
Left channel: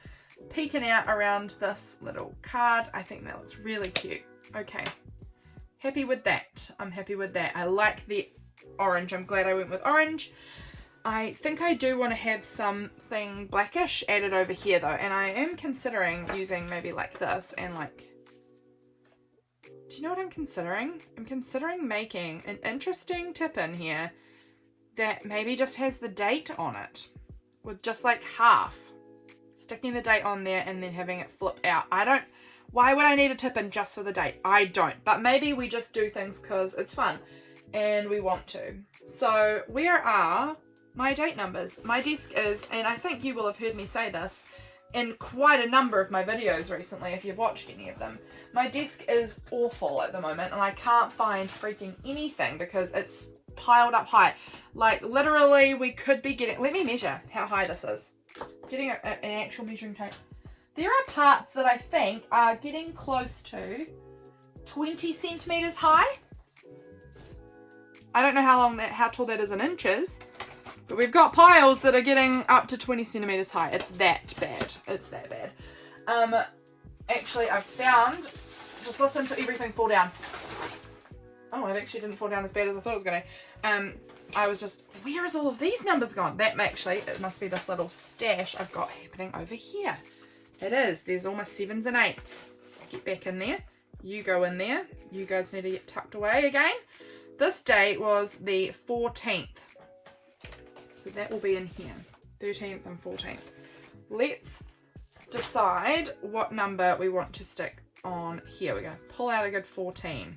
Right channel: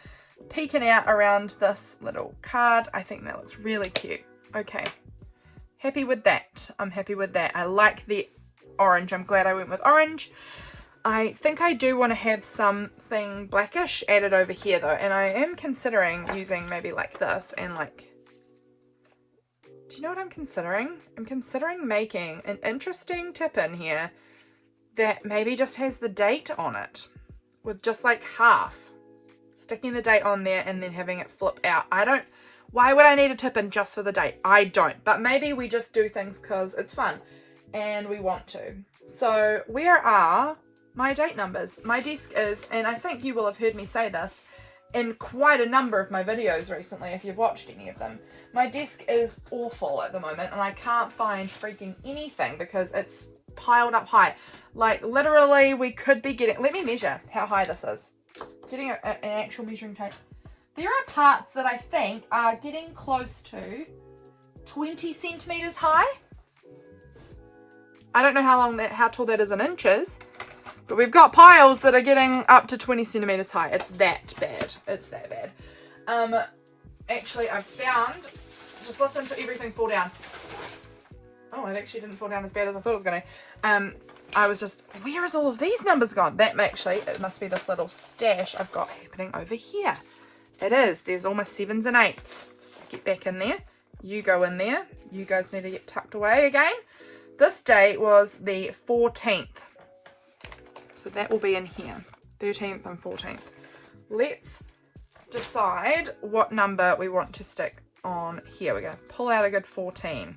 peeking out around this little card. I think that looks really cute. Okay, happy with that. I'm happy with that. I like the orange. I'm glad I went with orange. I think I do want to have something blackish added over here though, and I am considering using maybe like this and like, do you know what I'm considering? I'm considering making an interesting tip in here that maybe just has the date on it with just like half. Sticking the date on there and then having it flip out. Why would I need a tip in just for the date? I don't, but maybe we just do things because it's fun and we want to. So where are my date numbers? My desk is, and I think you will have heard me say this in quite a number of my videos recently if you've watched any of them. My desk is awful at the moment and I can't find freaking anything because it's piled up high. Like literally we could be getting, let me measure how high this is. Getting an actual measuring tape. There are parts that I think are getting close to 20 centimeters high. I don't know how tall that is in inches, but we've got piles that are getting up to 20 centimeters high. It's that bad. It's that bad. Actually, I've found, just listen to everything fall down. Oh, it actually didn't fall down as bad as I thought it was going to. I was just, where is all of these numbers gone? That actually, it must be this little stash I've got happening over here. It is. There's almost 7s and 8s. Get back in there. You go in there. You guys need to get tucked away again. This date was the 14th. So that will be in here. 13th and 14th. Let's decide what number we want to stick on here. We're going to pull out a good 14.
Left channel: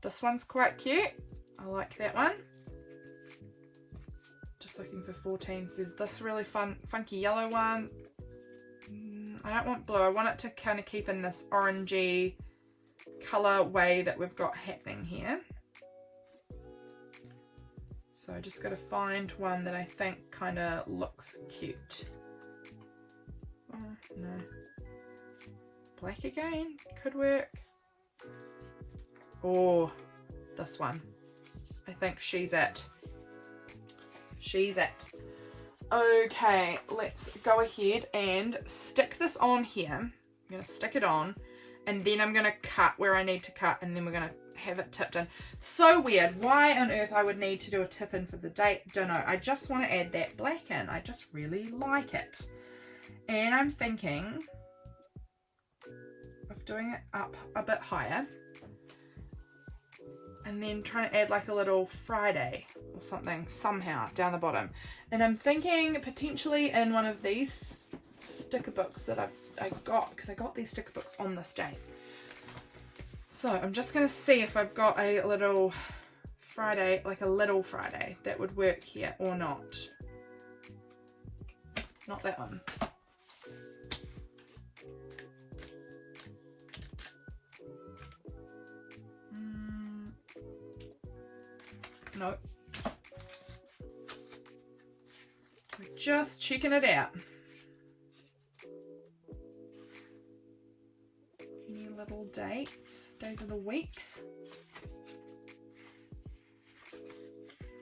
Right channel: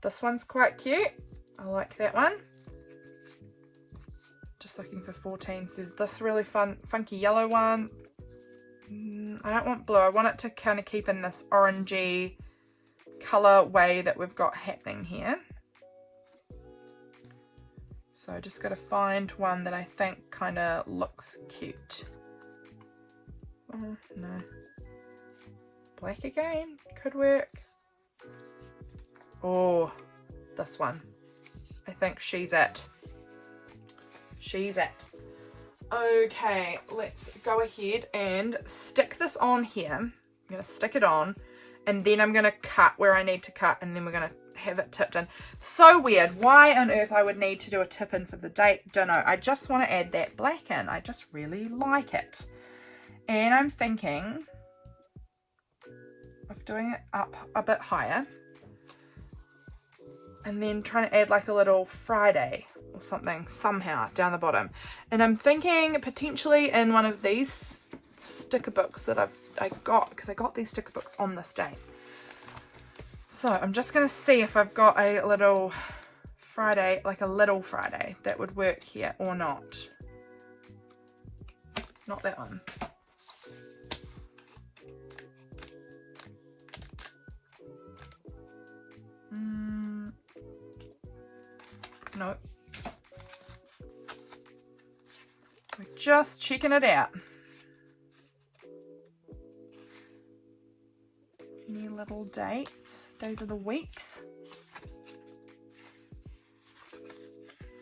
This one's quite cute. I like that one. Just looking for 14s. There's this really funky yellow one. I don't want blue. I want it to kind of keep in this orangey colour way that we've got happening here. So I just got to find one that I think kind of looks cute. No. Black again. Could work. Oh, this one. I think she's it. She's it. Okay, let's go ahead and stick this on here. I'm going to stick it on, and then I'm going to cut where I need to cut, and then we're going to have it tipped in. So weird. Why on earth I would need to do a tip in for the date, don't know. I just want to add that black in. I just really like it. And I'm thinking of doing it up a bit higher. And then trying to add like a little Friday or something somehow down the bottom. And I'm thinking potentially in one of these sticker books that I got, because I got these sticker books on this day. So I'm just going to see if I've got a little Friday, like a little Friday that would work here or not. Not that one. No. We're just checking it out. Any little dates, days of the weeks?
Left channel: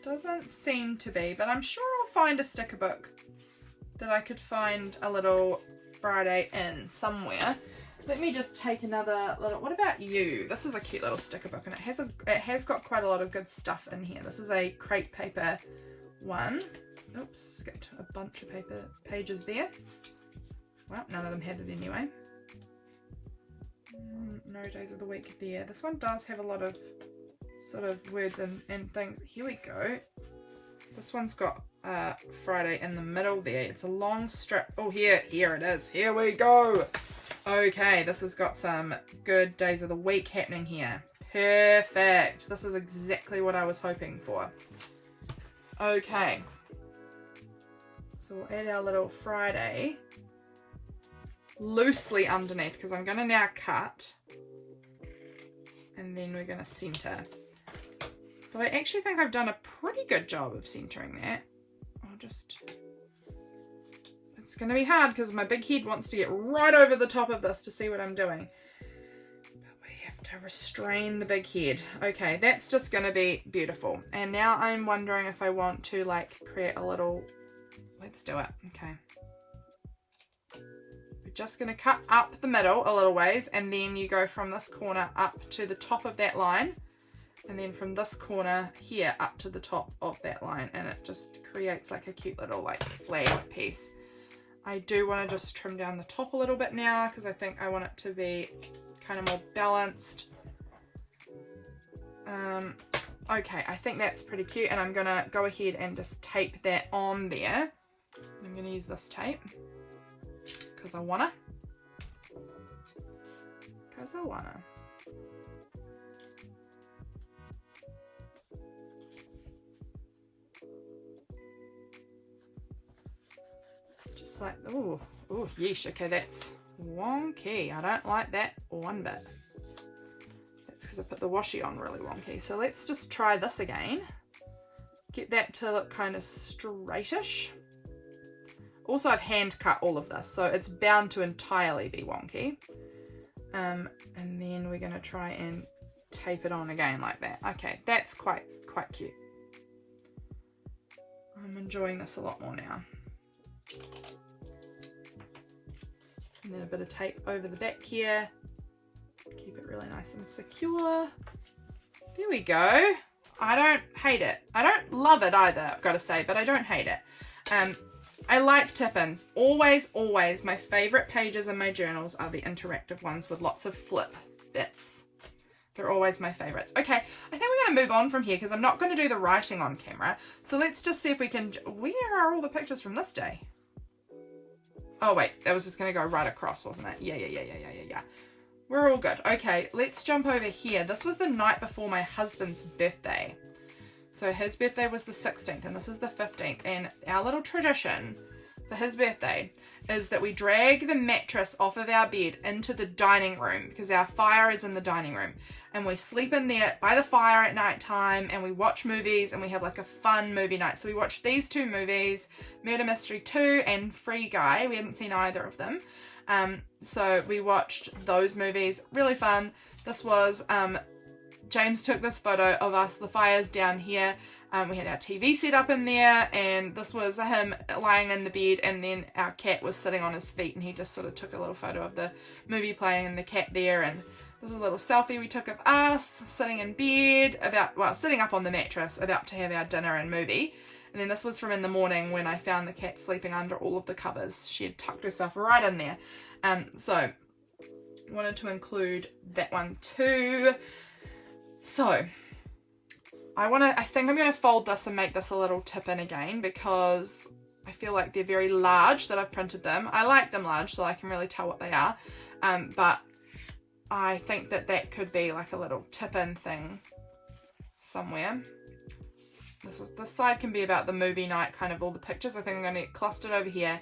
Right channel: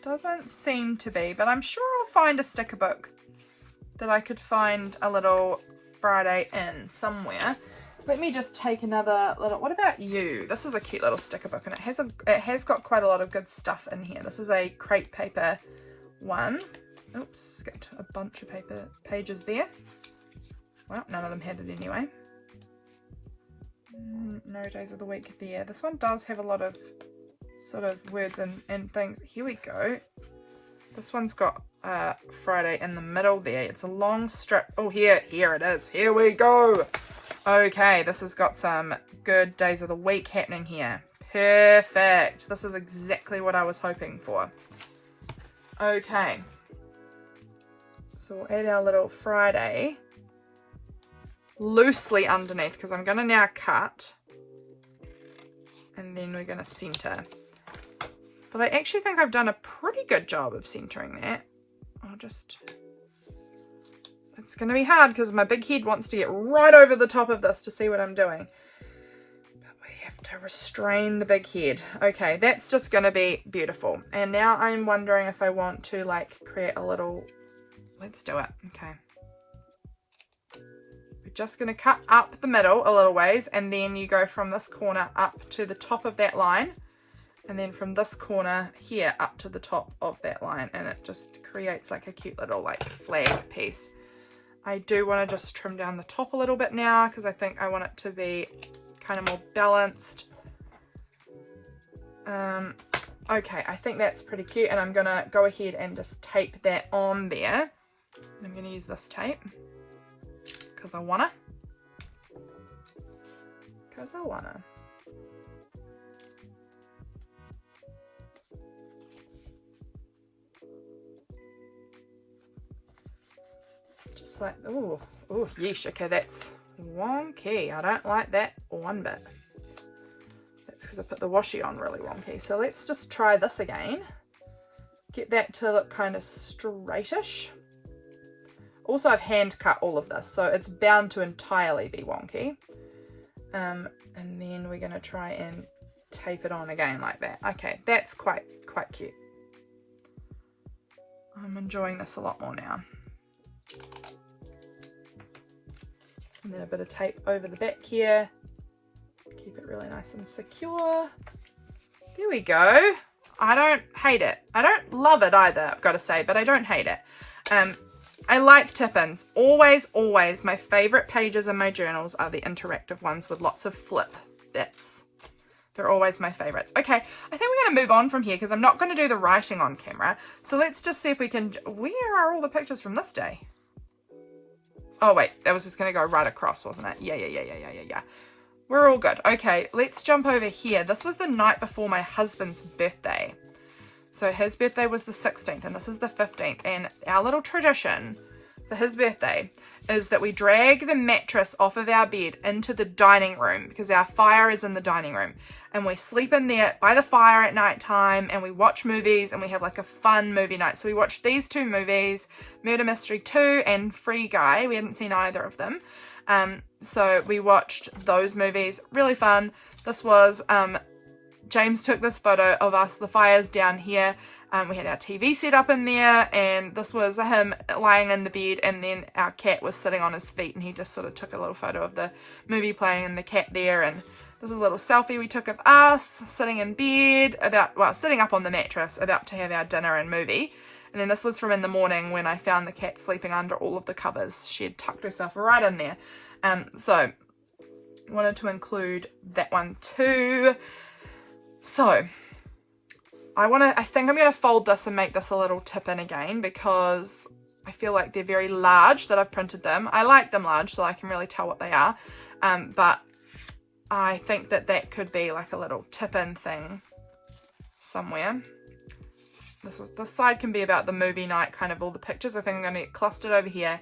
Doesn't seem to be, but I'm sure I'll find a sticker book that I could find a little Friday in somewhere. Let me just take another little, what about you? This is a cute little sticker book, and it has got quite a lot of good stuff in here. This is a crepe paper one. Oops, skipped a bunch of paper pages there. Well, none of them had it anyway. No days of the week there. This one does have a lot of sort of words and things. Here we go. This one's got Friday in the middle there. It's a long strip. Oh, here it is. Here we go. Okay, this has got some good days of the week happening here. Perfect. This is exactly what I was hoping for. Okay. So we'll add our little Friday loosely underneath, because I'm going to now cut. And then we're going to center. But I actually think I've done a pretty good job of centering that. It's going to be hard because my big head wants to get right over the top of this to see what I'm doing. But we have to restrain the big head. Okay, that's just going to be beautiful. And now I'm wondering if I want to like create a little, let's do it. Okay. We're just going to cut up the middle a little ways, and then you go from this corner up to the top of that line. And then from this corner here up to the top of that line, and it just creates like a cute little like flag piece. I do want to just trim down the top a little bit now because I think I want it to be kind of more balanced. Okay, I think that's pretty cute, and I'm going to go ahead and just tape that on there. And I'm going to use this tape because I want to. Just like, oh, yeesh. Okay, that's wonky. I don't like that one bit. That's because I put the washi on really wonky. So let's just try this again. Get that to look kind of straightish. Also, I've hand cut all of this, so it's bound to entirely be wonky. And then we're going to try and tape it on again like that. Okay, that's quite cute. I'm enjoying this a lot more now. And then a bit of tape over the back here. Keep it really nice and secure. There we go. I don't hate it. I don't love it either, I've got to say, but I don't hate it. I like tip-ins. Always my favourite pages in my journals are the interactive ones with lots of flip bits. They're always my favourites. Okay, I think we're going to move on from here because I'm not going to do the writing on camera. So let's just see if we can... Where are all the pictures from this day? Oh, wait. That was just going to go right across, wasn't it? Yeah. We're all good. Okay, let's jump over here. This was the night before my husband's birthday. So his birthday was the 16th and this is the 15th. And our little tradition for his birthday is that we drag the mattress off of our bed into the dining room because our fire is in the dining room. And we sleep in there by the fire at night time and we watch movies and we have like a fun movie night. So we watched these two movies, Murder Mystery 2 and Free Guy. We hadn't seen either of them. So we watched those movies. Really fun. This was... James took this photo of us, the fire's down here. We had our TV set up in there, and this was him lying in the bed, and then our cat was sitting on his feet, and he just sort of took a little photo of the movie playing and the cat there. And this is a little selfie we took of us sitting in bed, sitting up on the mattress, about to have our dinner and movie. And then this was from in the morning when I found the cat sleeping under all of the covers. She had tucked herself right in there. So wanted to include that one too. So I think I'm going to fold this and make this a little tip in again because I feel like they're very large that I've printed them. I like them large so I can really tell what they are. But I think that could be like a little tip in thing somewhere. This side can be about the movie night, kind of all the pictures. I think I'm going to get clustered over here.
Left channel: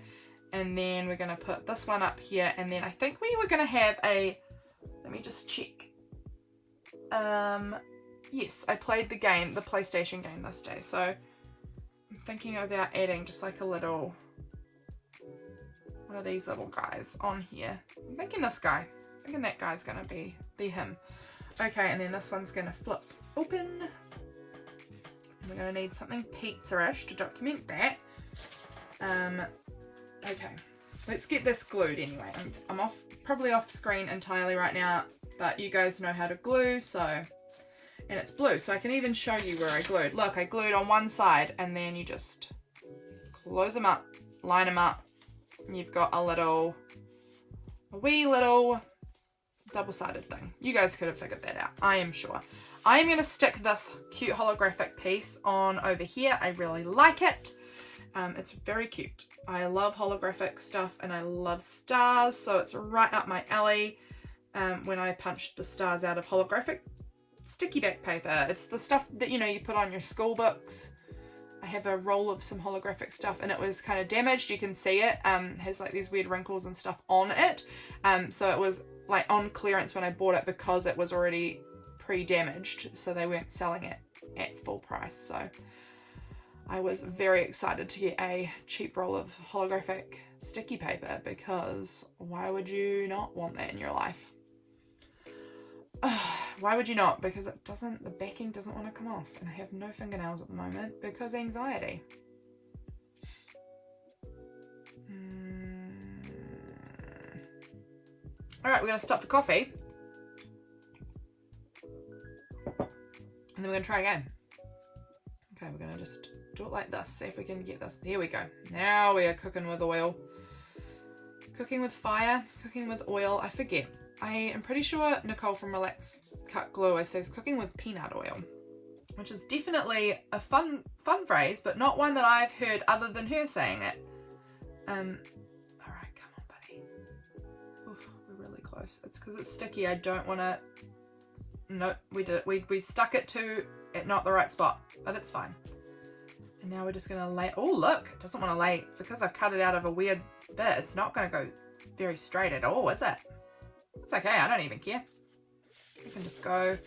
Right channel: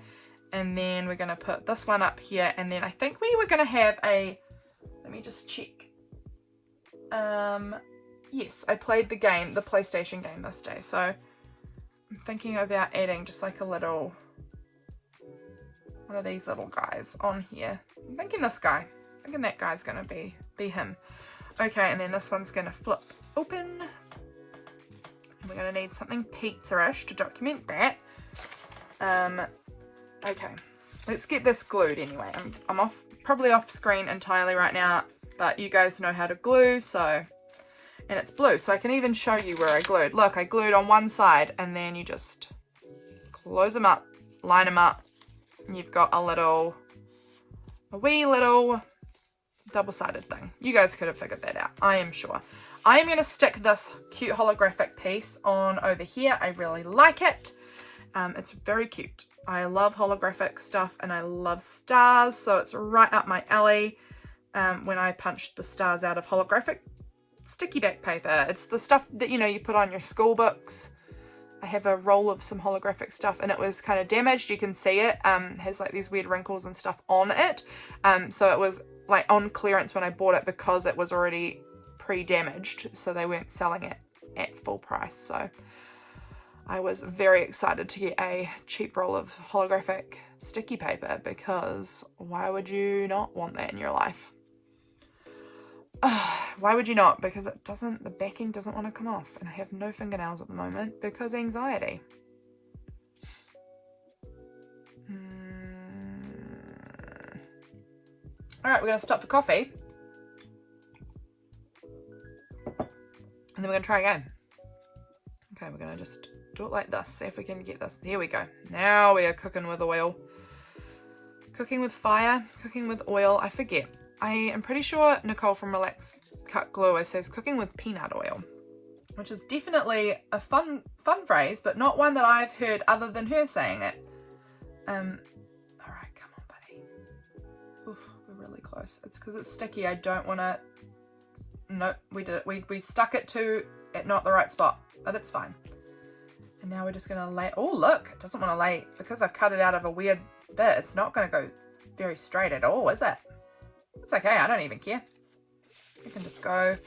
And then we're going to put this one up here. And then I think we were going to have let me just check. Yes, I played the game, the PlayStation game this day, so I'm thinking about adding just like a little, one of these little guys on here. I'm thinking this guy. I'm thinking that guy's gonna be him. Okay, and then this one's gonna flip open. We're gonna need something pizza-ish to document that. Okay, let's get this glued anyway. I'm probably off screen entirely right now, but you guys know how to glue, so, and it's blue, so I can even show you where I glued. Look, I glued on one side, and then you just close them up, line them up, and you've got a wee little double-sided thing. You guys could have figured that out, I am sure. I am going to stick this cute holographic piece on over here. I really like it. It's very cute. I love holographic stuff and I love stars, so it's right up my alley. When I punched the stars out of holographic sticky back paper. It's the stuff that, you know, you put on your school books. I have a roll of some holographic stuff and it was kind of damaged. You can see it has like these weird wrinkles and stuff on it. So it was like on clearance when I bought it because it was already pre-damaged, so they weren't selling it at full price. So I was very excited to get a cheap roll of holographic sticky paper, because why would you not want that in your life? Why would you not? Because the backing doesn't want to come off, and I have no fingernails at the moment because anxiety. Alright, we're going to stop for coffee. And then we're going to try again. Okay, we're going to just do it like this. See if we can get this. Here we go. Now we are cooking with oil. Cooking with fire. Cooking with oil. I forget. I am pretty sure Nicole from Relax Cut Glue says cooking with peanut oil, which is definitely a fun phrase, but not one that I've heard other than her saying it. Alright, come on, buddy. Oof, we're really close. It's because it's sticky. I don't want to... Nope, we did it. We stuck it to at not the right spot, but it's fine. And now we're just going to lay... Oh, look, it doesn't want to lay... Because I've cut it out of a weird bit, it's not going to go very straight at all, is it? It's okay, I don't even care. I can just go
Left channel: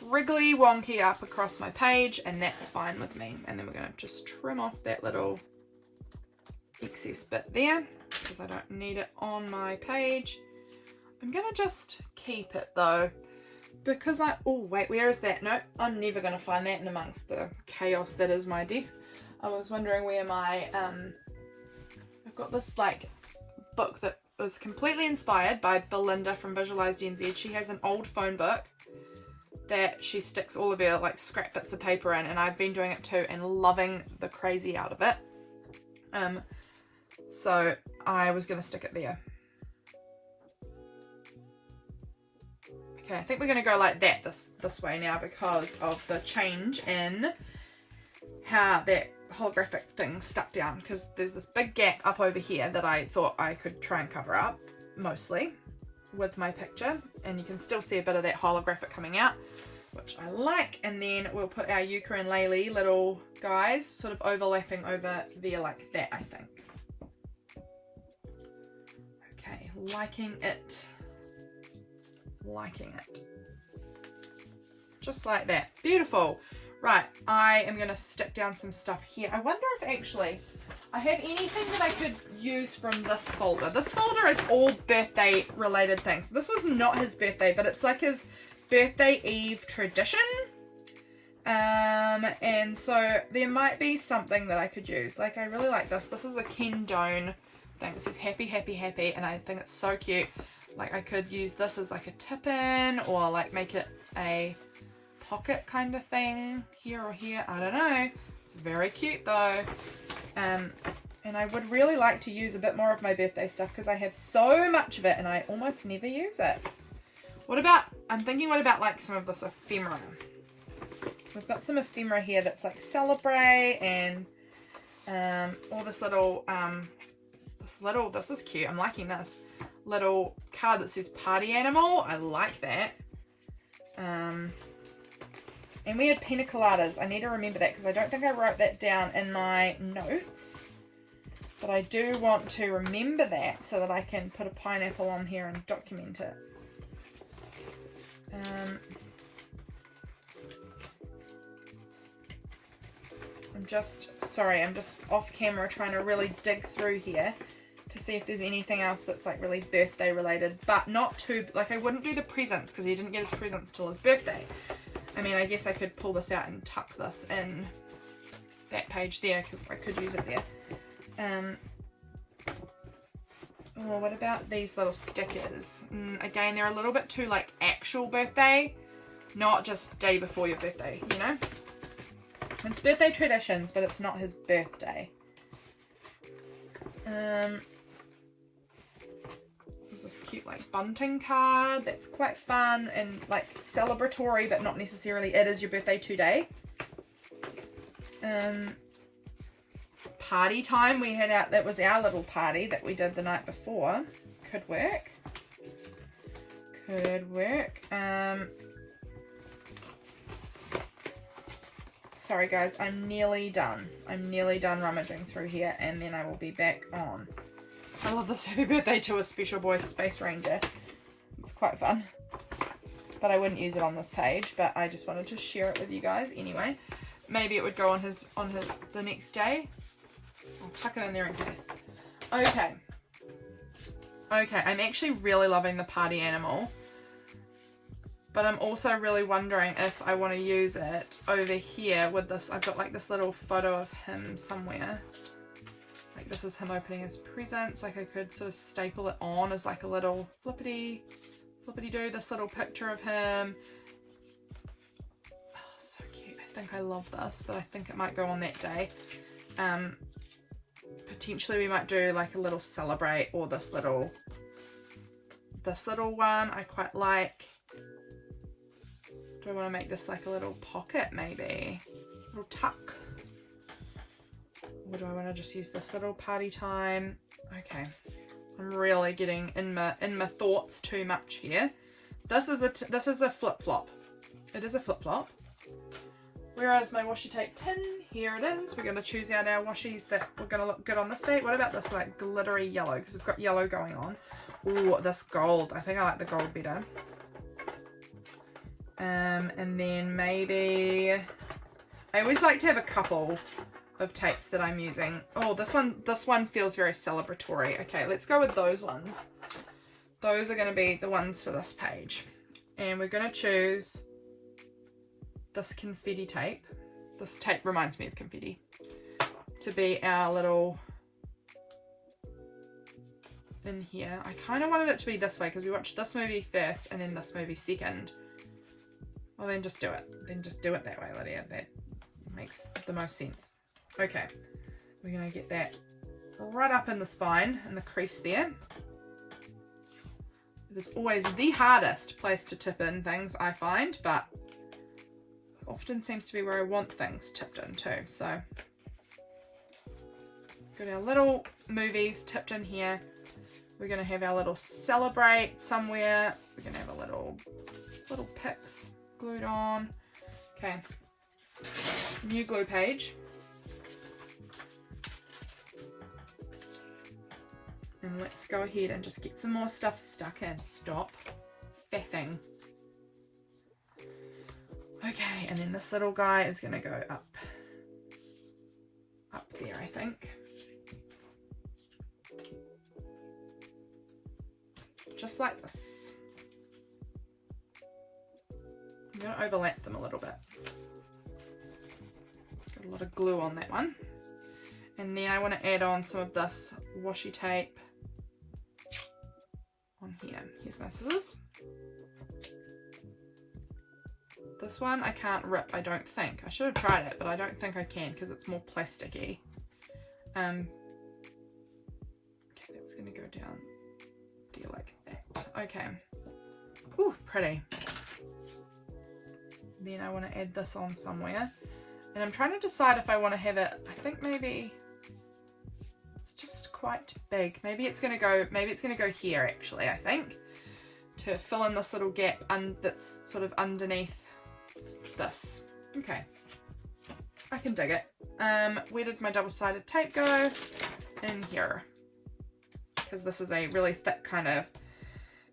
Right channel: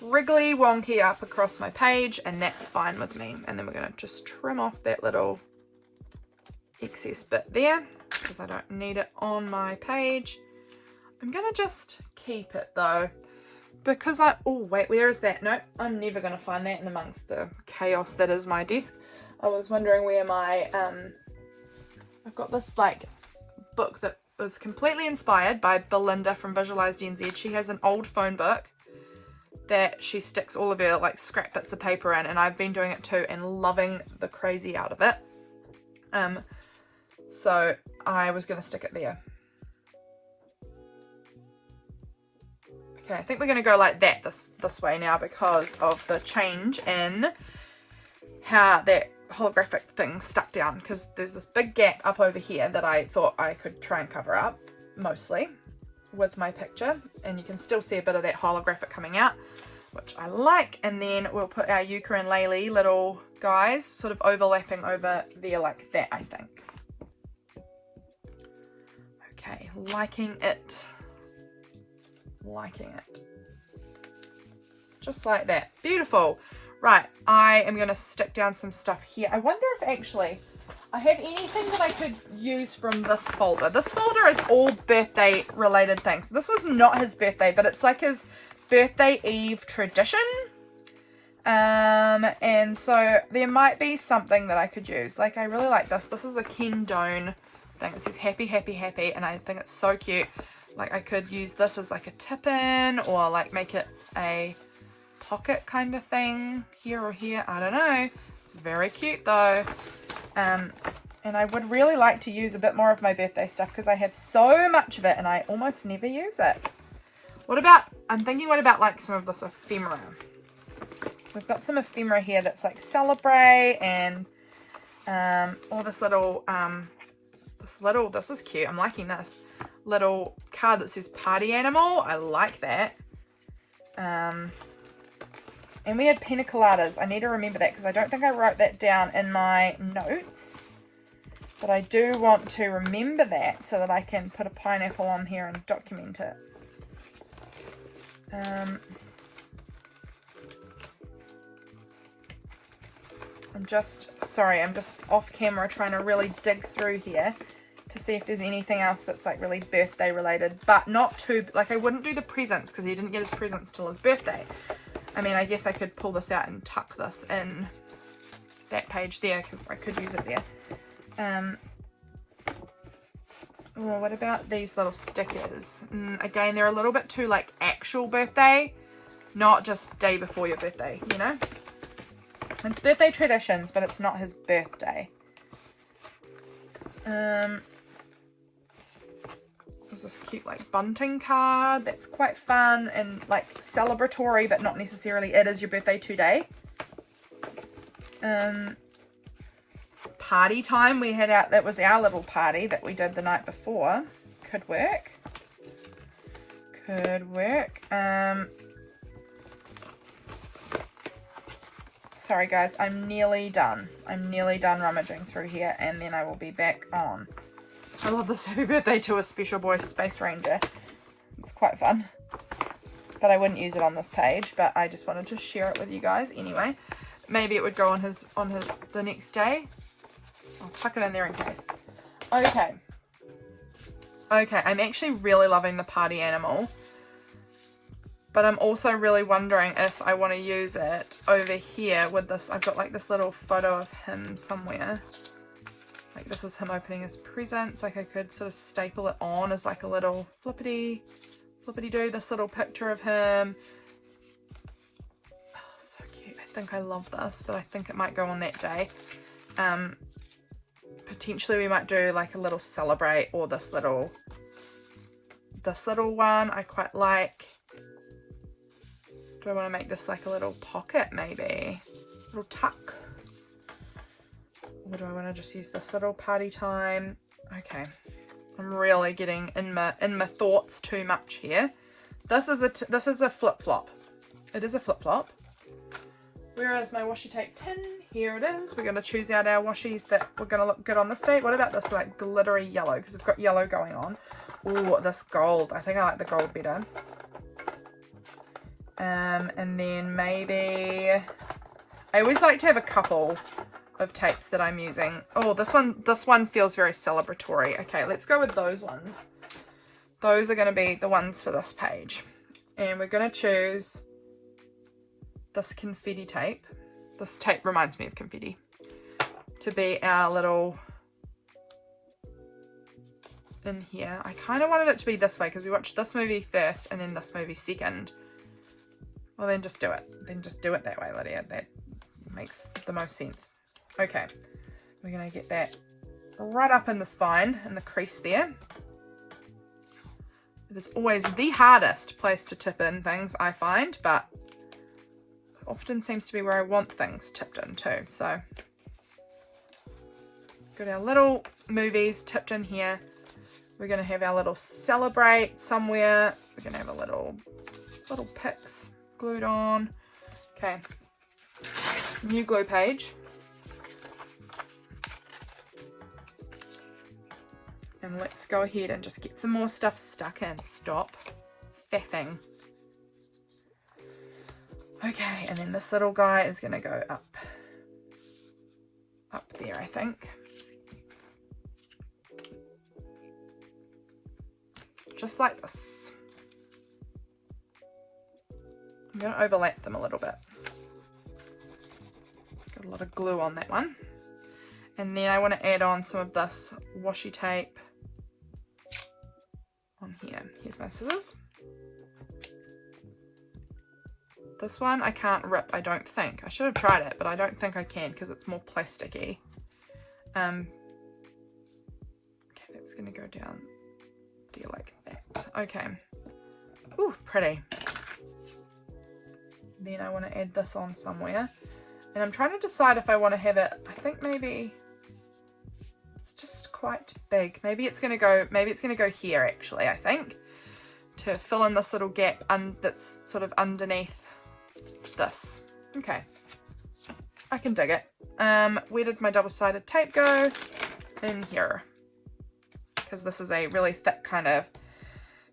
wriggly wonky up across my page, and that's fine with me. And then we're going to just trim off that little excess bit there, because I don't need it on my page. I'm going to just keep it though, because oh wait, where is that? Nope, I'm never going to find that in amongst the chaos that is my desk. I was wondering where my, I've got this like book that was completely inspired by Belinda from Visualized NZ. She has an old phone book that she sticks all of her like scrap bits of paper in, and I've been doing it too and loving the crazy out of it. So I was going to stick it there. Okay, I think we're going to go like that this way now because of the change in how that holographic thing stuck down, because there's this big gap up over here that I thought I could try and cover up mostly with my picture, and you can still see a bit of that holographic coming out, which I like. And then we'll put our ukulele little guys sort of overlapping over there like that, I think. Okay, liking it. Just like that. Beautiful. Right, I am going to stick down some stuff here. I wonder if actually I have anything that I could use from this folder. This folder is all birthday related things. This was not his birthday, but it's like his birthday eve tradition. And so there might be something that I could use. Like, I really like this. This is a Ken Doan thing. It says happy, happy, happy, and I think it's so cute. Like, I could use this as like a tip-in, or like make it a pocket kind of thing here or here. I don't know. It's very cute though. And I would really like to use a bit more of my birthday stuff because I have so much of it and I almost never use it. I'm thinking what about like some of this ephemera? We've got some ephemera here that's like celebrate, and all this little, this is cute. I'm liking this little card that says party animal. I like that. And we had pina coladas. I need to remember that because I don't think I wrote that down in my notes. But I do want to remember that so that I can put a pineapple on here and document it. I'm just off camera trying to really dig through here to see if there's anything else that's like really birthday related, but not too, like I wouldn't do the presents because he didn't get his presents till his birthday. I mean, I guess I could pull this out and tuck this in that page there because I could use it there. Well, what about these little stickers? Again, they're a little bit too like actual birthday, not just day before your birthday, you know? It's birthday traditions, but it's not his birthday. There's this cute like bunting card that's quite fun and like celebratory, but not necessarily it is your birthday today. Party time we had out, that was our little party that we did the night before. Could work. Sorry guys, I'm nearly done rummaging through here and then I will be back on. I love this happy birthday to a special boy space ranger. It's quite fun, but I wouldn't use it on this page, but I just wanted to share it with you guys anyway. Maybe it would go on his the next day. I'll tuck it in there in case. Okay, I'm actually really loving the party animal, but I'm also really wondering if I want to use it over here with this. I've got like this little photo of him somewhere. Like this is him opening his presents. Like I could sort of staple it on as like a little flippity do, this little picture of him. Oh, so cute. I think I love this, but I think it might go on that day. Potentially we might do like a little celebrate, or this little one I quite like. Do I want to make this like a little pocket, maybe a little tuck, or do I want to just use this little party time? Okay, I'm really getting in my thoughts too much here. This is a flip-flop. It is a flip-flop. Where is my washi tape tin? Here it is. We're going to choose out our washies that we're going to look good on this date. What about this like glittery yellow? Because we've got yellow going on. Ooh, this gold. I think I like the gold better. And then maybe, I always like to have a couple of tapes that I'm using. Oh, this one feels very celebratory. Okay, let's go with those ones. Those are going to be the ones for this page. And we're going to choose this confetti tape. This tape reminds me of confetti, to be our little in here. I kind of wanted it to be this way because we watched this movie first and then this movie second. Well, then just do it. Then just do it that way, Lydia. That makes the most sense. Okay, we're going to get that right up in the spine, in the crease there. It is always the hardest place to tip in things, I find, but often seems to be where I want things tipped in too. So got our little movies tipped in here. We're going to have our little celebrate somewhere. We're going to have a little pics glued on. Okay, new glue page. And let's go ahead and just get some more stuff stuck in. Stop faffing. Okay, and then this little guy is going to go up there, I think. Just like this. I'm going to overlap them a little bit. Got a lot of glue on that one. And then I want to add on some of this washi tape on here. Here's my scissors. This one I can't rip, I don't think. I should have tried it, but I don't think I can because it's more plasticky. Okay, that's going to go down there like that. Okay. Ooh, pretty. Then I want to add this on somewhere. And I'm trying to decide if I want to have it, I think maybe it's just quite big. Maybe it's going to go here actually, I think, to fill in this little gap that's sort of underneath this. Okay, I can dig it. Where did my double-sided tape go? In here, because this is a really thick kind of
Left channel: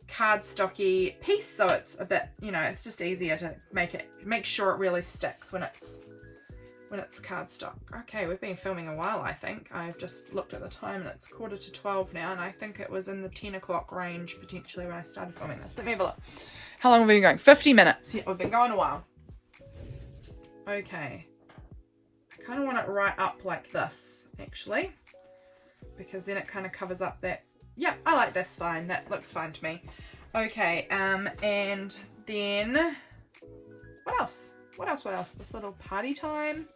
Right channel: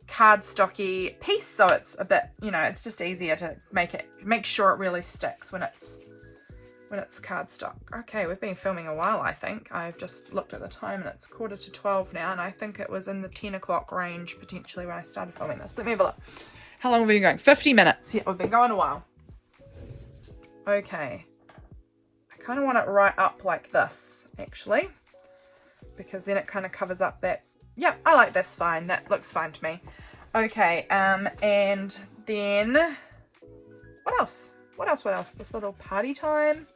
cardstocky piece, so it's a bit, you know, it's just easier to make sure it really sticks when it's when it's cardstock. Okay, we've been filming a while, I think. I've just looked at the time and it's 11:45 now, and I think it was in the 10 o'clock range potentially when I started filming this. Let me have a look. How long have we been going? 50 minutes. Yeah, we've been going a while. Okay. I kind of want it right up like this, actually, because then it kind of covers up that. Yeah, I like this fine. That looks fine to me. Okay, and then what else? What else? This little party time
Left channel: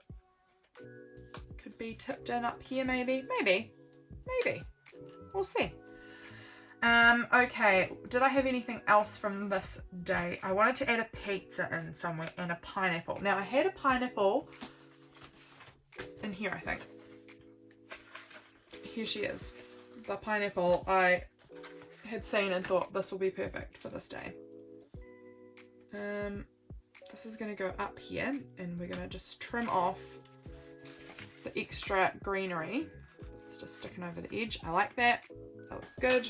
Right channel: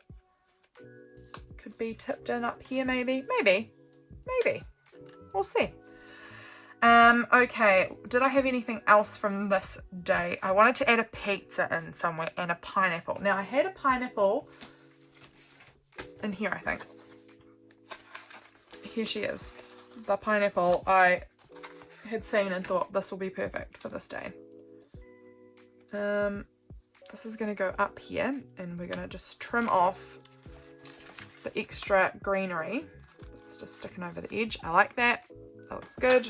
could be tipped in up here, maybe. We'll see. Okay, did I have anything else from this day? I wanted to add a pizza in somewhere and a pineapple. Now, I had a pineapple in here, I think. Here she is. The pineapple I had seen and thought this will be perfect for this day. This is going to go up here, and we're going to just trim off the extra greenery. It's just sticking over the edge. I like that. That looks good.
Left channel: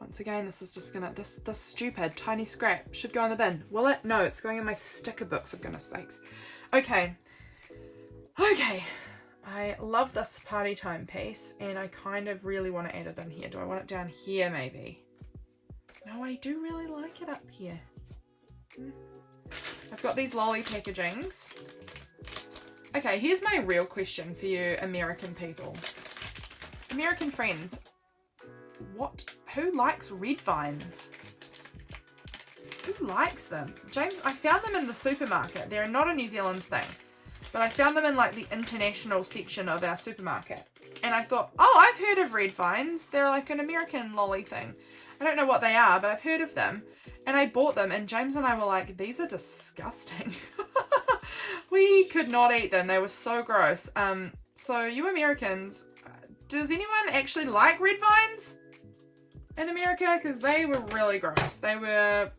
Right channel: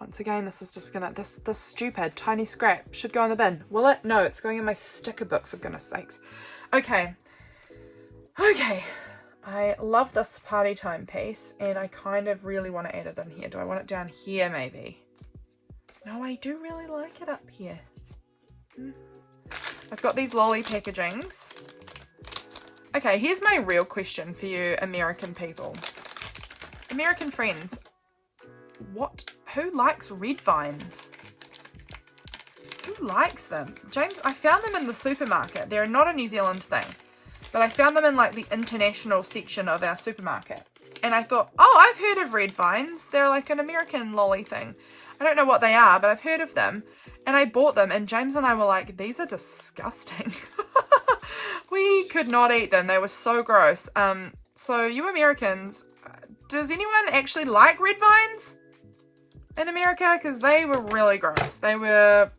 Once again, this is just gonna, this stupid tiny scrap should go in the bin. Will it? No, it's going in my sticker book, for goodness sakes. Okay. I love this party time piece, and I kind of really want to add it in here. Do I want it down here, maybe? No, I do really like it up here. I've got these lolly packagings. Okay, here's my real question for you American people. American friends, who likes red vines? Who likes them? James, I found them in the supermarket. They're not a New Zealand thing, but I found them in like the international section of our supermarket. And I thought, oh, I've heard of red vines. They're like an American lolly thing. I don't know what they are, but I've heard of them. And I bought them, and James and I were like, these are disgusting. We could not eat them. They were so gross. So you Americans, does anyone actually like red vines in America? Because they were really gross. They were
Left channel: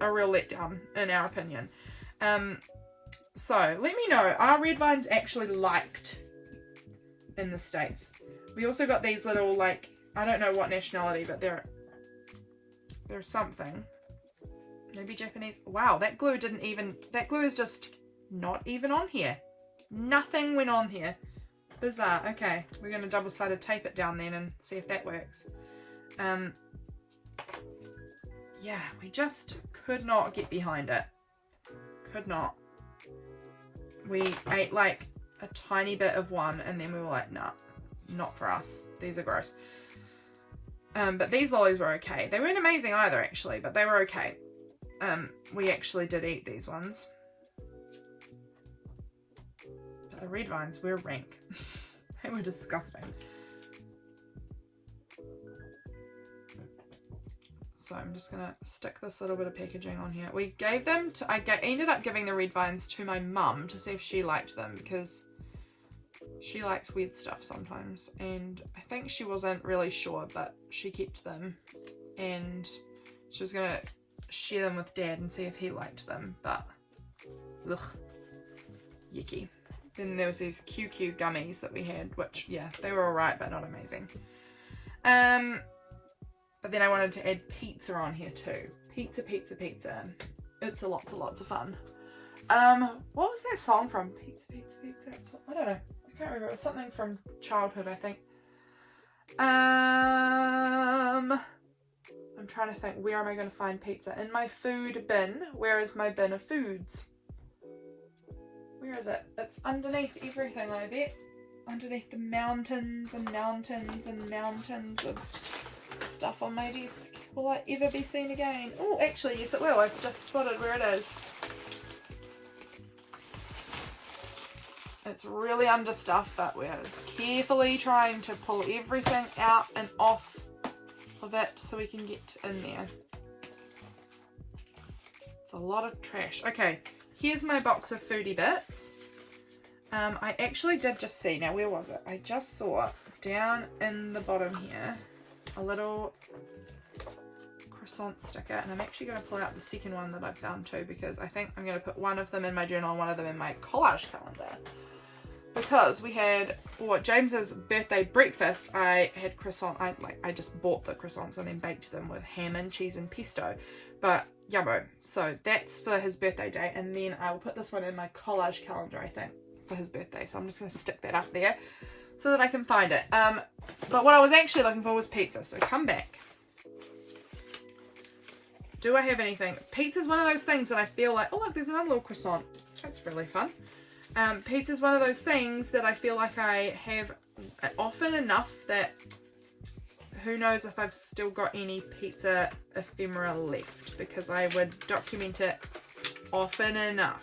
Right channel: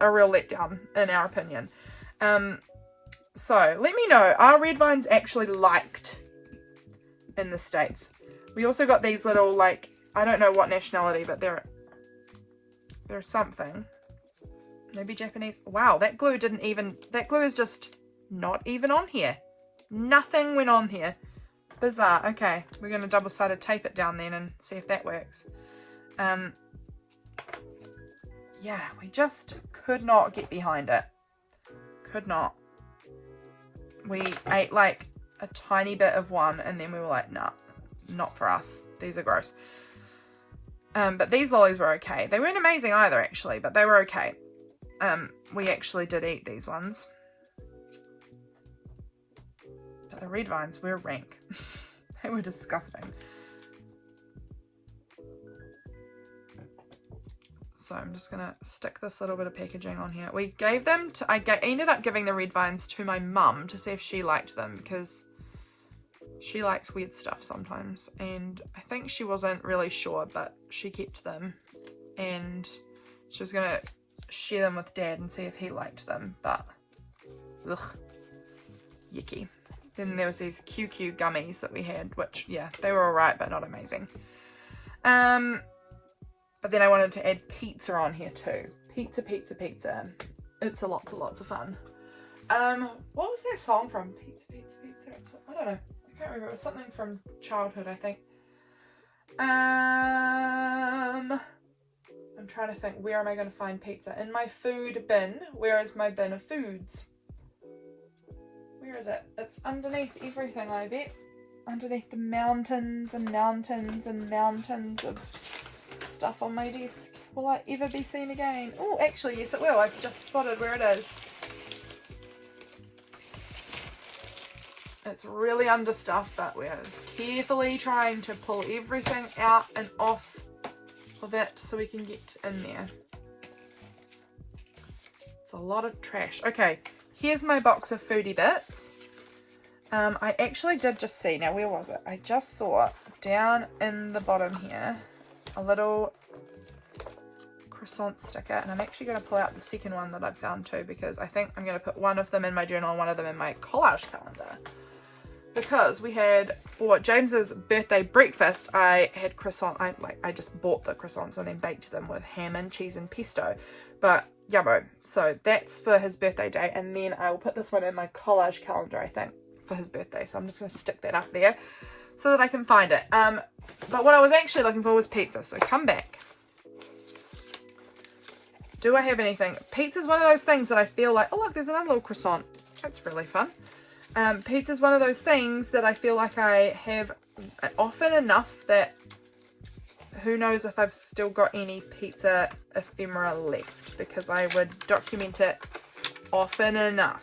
a real letdown, in our opinion. So let me know, are red vines actually liked in the States? We also got these little, like, I don't know what nationality, but they're something. Maybe Japanese. Wow, that glue is just not even on here. Nothing went on here. Bizarre. Okay, we're going to double-sided tape it down then and see if that works. Yeah, we just could not get behind it. Could not. We ate like a tiny bit of one, and then we were like, nah, not for us. These are gross. But these lollies were okay. They weren't amazing either, actually, but they were okay. We actually did eat these ones. But the red vines were rank. They were disgusting. So I'm just going to stick this little bit of packaging on here. We gave them to, ended up giving the red vines to my mum to see if she liked them, because she likes weird stuff sometimes, and I think she wasn't really sure, but she kept them, and she was going to share them with Dad and see if he liked them, but ugh, yucky. Then there was these QQ gummies that we had, which, yeah, they were alright, but not amazing. But then I wanted to add pizza on here too. Pizza. It's lots of fun. What was that song from? Pizza. I don't know. I can't remember. It was something from childhood, I think. I'm trying to think. Where am I going to find pizza? In my food bin. Where is my bin of foods? Where is it? It's underneath everything, I bet. Underneath the mountains and mountains and mountains of stuff on my desk. Will I ever be seen again? Oh, actually, yes it will. I've just spotted where it is. It's really under stuff, but we're just carefully trying to pull everything out and off of it so we can get in there. It's a lot of trash. Okay, here's my box of foodie bits. I actually did just see, now where was it? I just saw down in the bottom here a little croissant sticker, and I'm actually going to pull out the second one that I've found too, because I think I'm going to put one of them in my journal and one of them in my collage calendar. because we had, for James's birthday breakfast, I had croissant. I just bought the croissants and then baked them with ham and cheese and pesto. But yummo. So that's for his birthday day. And then I will put this one in my collage calendar, I think, for his birthday. So I'm just going to stick that up there so that I can find it. But what I was actually looking for was pizza. So come back. Do I have anything? Pizza's one of those things that I feel like, oh look, there's another little croissant. That's really fun. Pizza's one of those things that I feel like I have often enough that who knows if I've still got any pizza ephemera left, because I would document it often enough.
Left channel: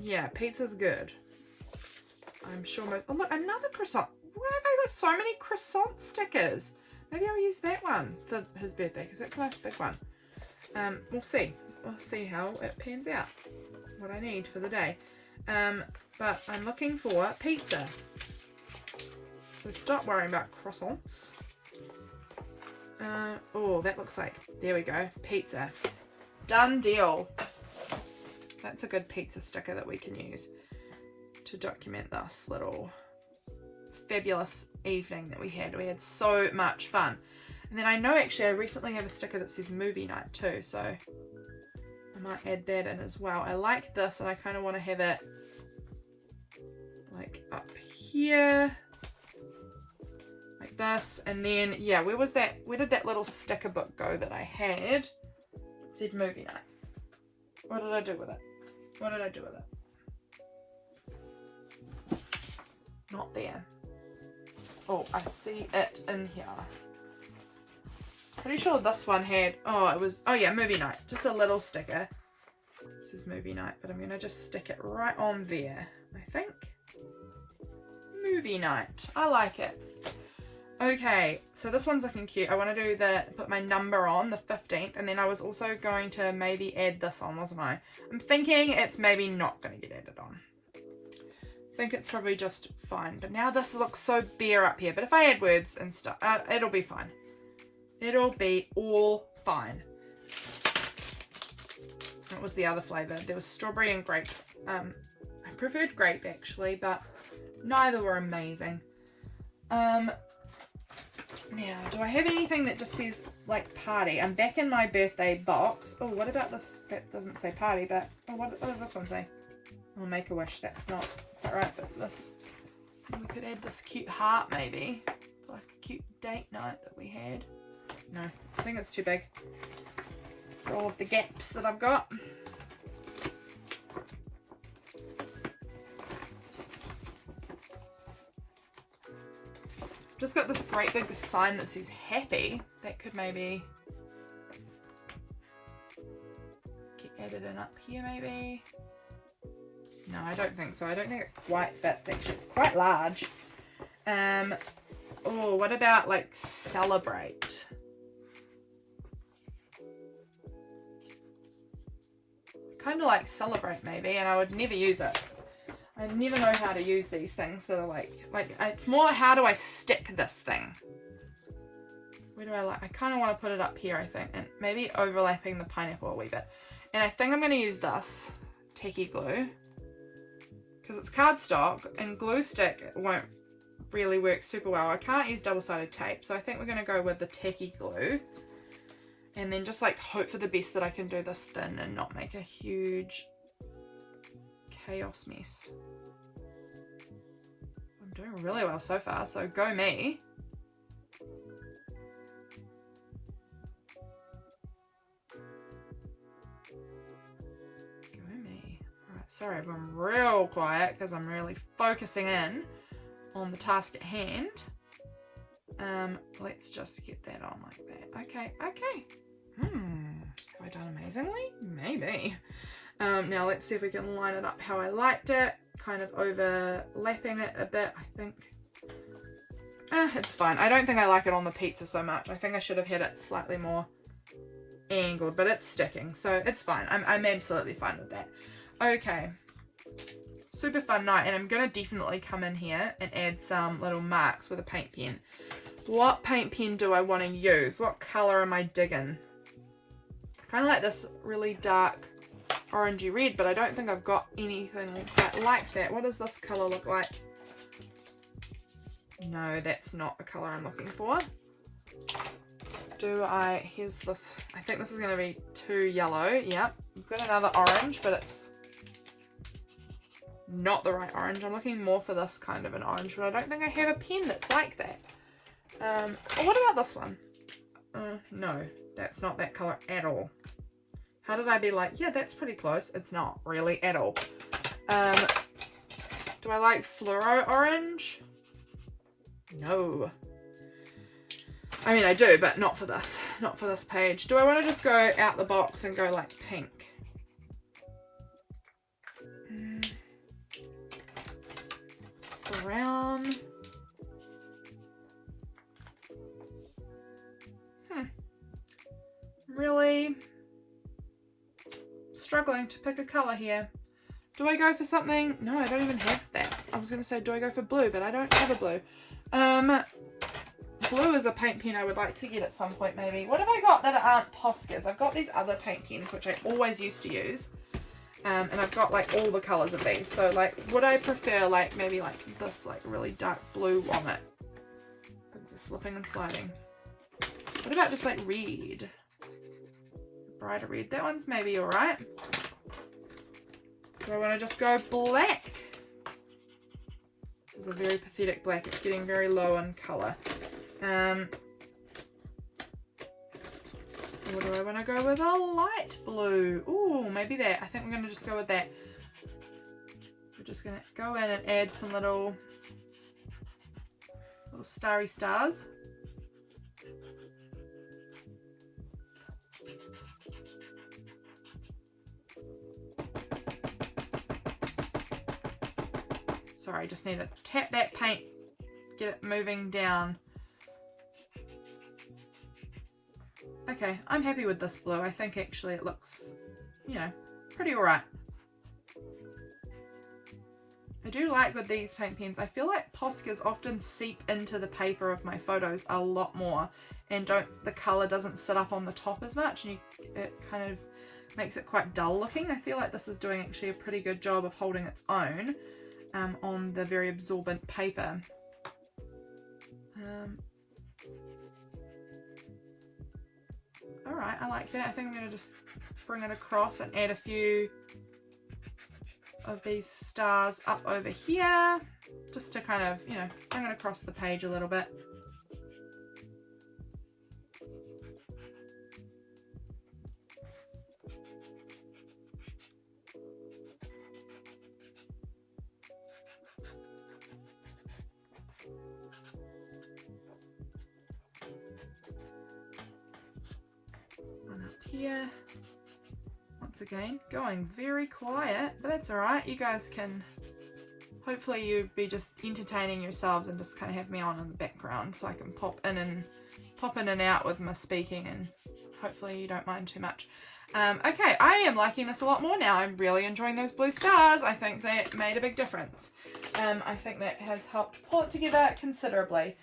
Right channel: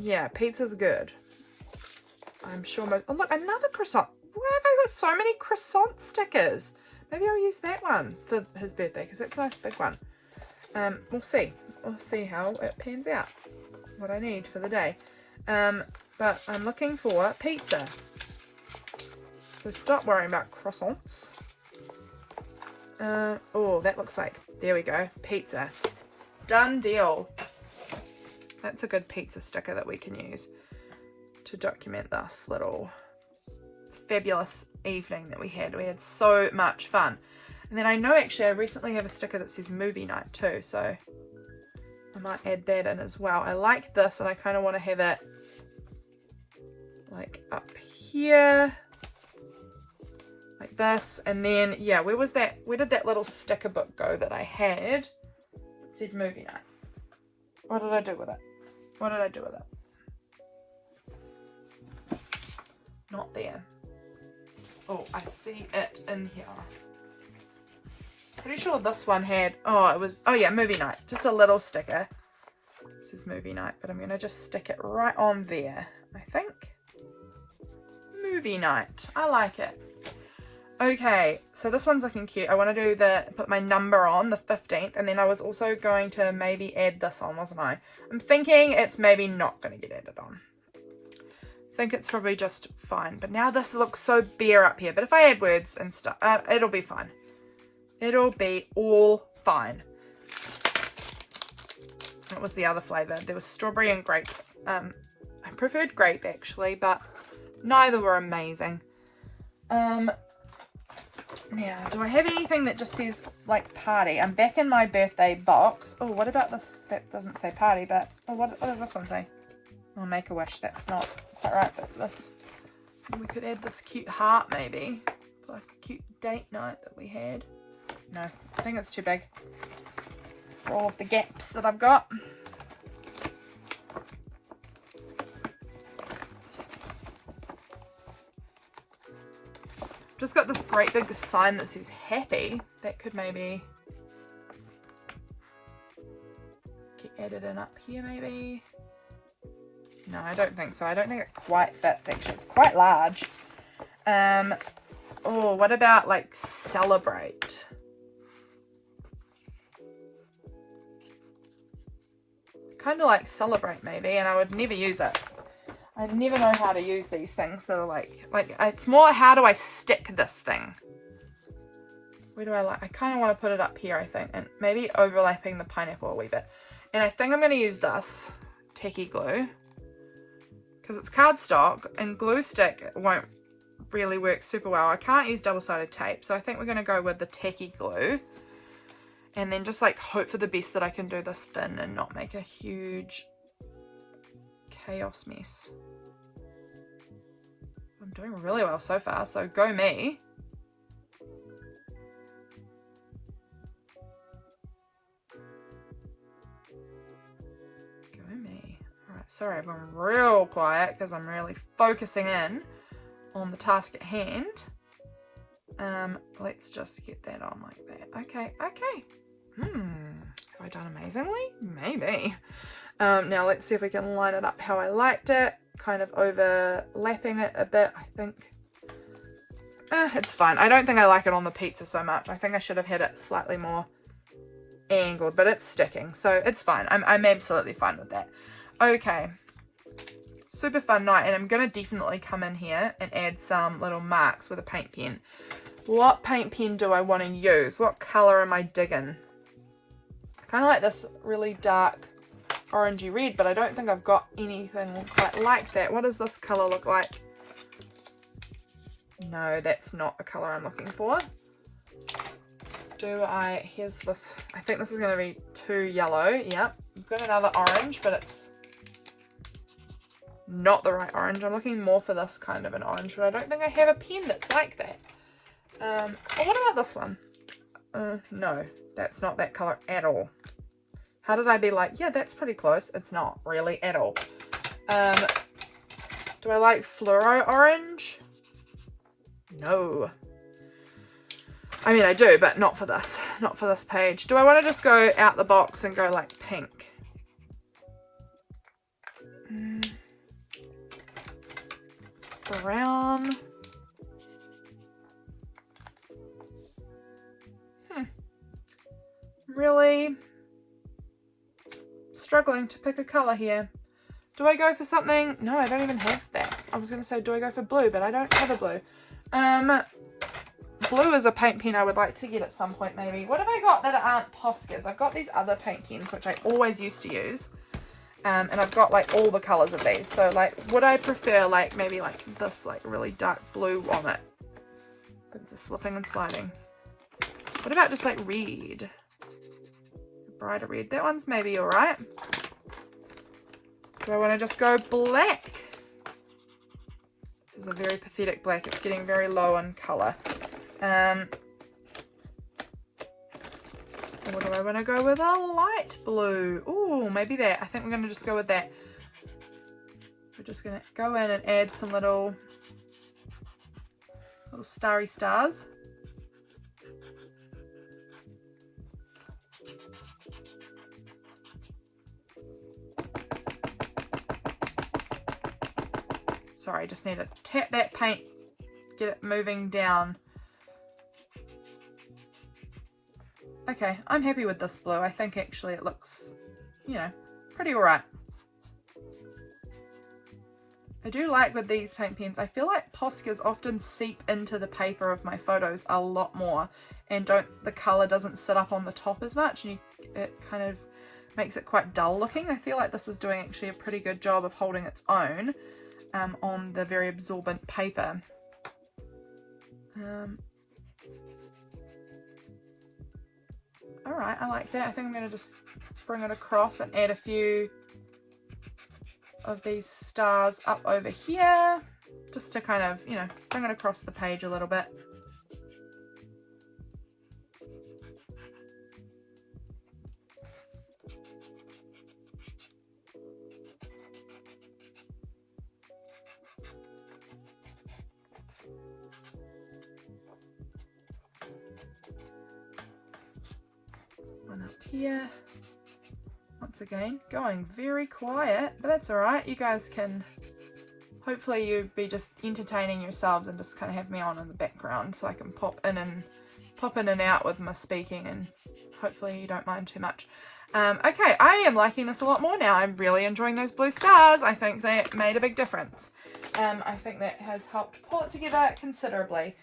Yeah, pizza's good. I'm sure most, oh look, another croissant. Why have I got so many croissant stickers? Maybe I'll use that one for his birthday, because that's a nice big one. We'll see. We'll see how it pans out, what I need for the day. But I'm looking for pizza. So stop worrying about croissants. Oh, that looks like, there we go, pizza. Done deal. That's a good pizza sticker that we can use to document this little fabulous evening that we had. We had so much fun. And then I know actually I recently have a sticker that says movie night too, so I might add that in as well. I like this and I kind of want to have it like up here like this. And then yeah, where was that, where did that little sticker book go that I had? It said movie night. What did I do with it? What did I do with it? Not there. Oh, I see it in here. Pretty sure this one had, oh, it was, oh yeah, movie night. Just a little sticker. This is movie night, but I'm going to just stick it right on there, I think. Movie night. I like it. Okay, so this one's looking cute. I want to do put my number on, the 15th, and then I was also going to maybe add this on, wasn't I? I'm thinking it's maybe not going to get added on. I think it's probably just fine, but now this looks so bare up here. But if I add words and stuff, it'll be fine. It'll be all fine. What was the other flavour? There was strawberry and grape. I preferred grape actually, but neither were amazing. Now, do I have anything that just says like party? I'm back in my birthday box. Oh, what about this? That doesn't say party, but oh, what does this one say? Oh, make a wish. That's not quite right, but this, we could add this cute heart maybe, like a cute date night that we had. No, I think it's too big for all of the gaps that I've got. Just got this great big sign that says happy. That could maybe get added in up here maybe. No, I don't think so. I don't think it quite fits actually. It's quite large. Oh, what about like celebrate? Kind of like celebrate maybe, and I would never use it. I never know how to use these things that are like it's more how do I stick this thing? Where do I like? I kind of want to put it up here, I think, and maybe overlapping the pineapple a wee bit. And I think I'm going to use this tacky glue because it's cardstock and glue stick won't really work super well. I can't use double-sided tape, so I think we're going to go with the tacky glue. And then just like hope for the best that I can do this thin and not make a huge chaos mess. I'm doing really well so far, so go me. Go me. Alright, sorry everyone, real quiet because I'm really focusing in on the task at hand. Let's just get that on like that. Okay, okay. Have I done amazingly? Maybe. Now let's see if we can line it up how I liked it. Kind of overlapping it a bit, I think. It's fine. I don't think I like it on the pizza so much. I think I should have had it slightly more angled, but it's sticking, so it's fine. I'm absolutely fine with that. Okay. Super fun night, and I'm going to definitely come in here and add some little marks with a paint pen. What paint pen do I want to use? What colour am I digging? Kind of like this really dark orangey red, but I don't think I've got anything quite like that. What does this colour look like? No, that's not the colour I'm looking for. Here's this, I think this is going to be too yellow. Yep, I've got another orange, but it's not the right orange. I'm looking more for this kind of an orange, but I don't think I have a pen that's like that. Oh, what about this one? No, that's not that colour at all. How did I be like, yeah, that's pretty close? It's not really at all. Do I like fluoro orange? No. I mean, I do, but not for this. Not for this page. Do I want to just go out the box and go like pink? Brown. Really struggling to pick a colour here. Do I go for something? No, I don't even have that. I was going to say, do I go for blue? But I don't have a blue. Blue is a paint pen I would like to get at some point, maybe. What have I got that aren't Poscas? I've got these other paint pens, which I always used to use. And I've got like all the colours of these. So like, would I prefer like maybe like this like really dark blue on it? It's just slipping and sliding. What about just like red? Brighter red. That one's maybe alright. Do I want to just go black? This is a very pathetic black. It's getting very low in colour. Or do I want to go with a light blue? Ooh, maybe that. I think we're going to just go with that. We're just going to go in and add some little starry stars. Sorry, I just need to tap that paint, get it moving down. Okay, I'm happy with this blue. I think actually it looks, you know, pretty alright. I do like with these paint pens, I feel like Poscas often seep into the paper of my photos a lot more, and the colour doesn't sit up on the top as much, and it kind of makes it quite dull looking. I feel like this is doing actually a pretty good job of holding its own on the very absorbent paper. Alright, I like that. I think I'm going to just bring it across and add a few of these stars up over here, just to kind of, you know, bring it across the page a little bit. One up here. Once again, going very quiet, but that's alright. You guys can, hopefully you be just entertaining yourselves and just kind of have me on in the background so I can pop in and out with my speaking, and hopefully you don't mind too much. Okay, I am liking this a lot more now. I'm really enjoying those blue stars. I think that made a big difference. I think that has helped pull it together considerably.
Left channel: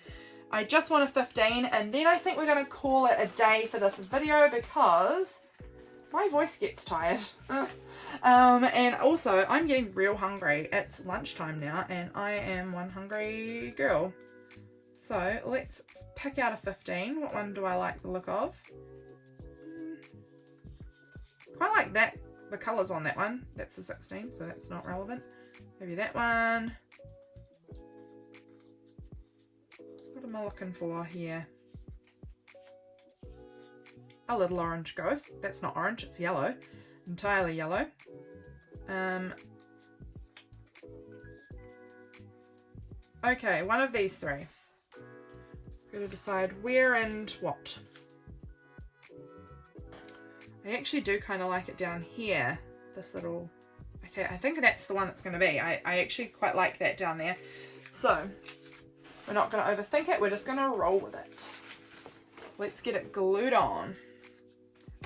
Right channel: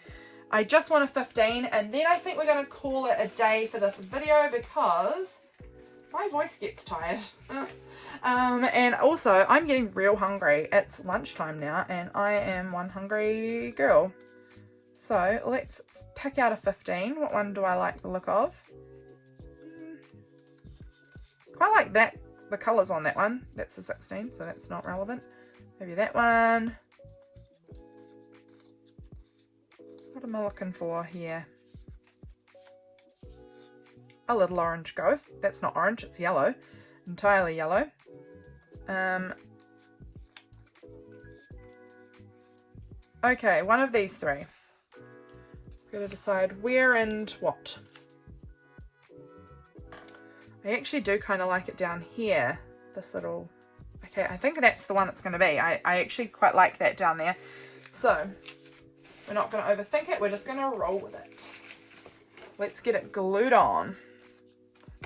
I just want a 15, and then I think we're going to call it a day for this video because my voice gets tired. And also, I'm getting real hungry. It's lunchtime now, and I am one hungry girl. So, let's pick out a 15. What one do I like the look of? Quite like that, the colours on that one. That's a 16, so that's not relevant. Maybe that one. What am I looking for here? A little orange ghost. That's not orange, it's yellow. Entirely yellow. Okay, one of these three. Gotta decide where and what. I actually do kind of like it down here. This little... Okay, I think that's the one it's going to be. I actually quite like that down there. So, we're not going to overthink it. We're just going to roll with it. Let's get it glued on.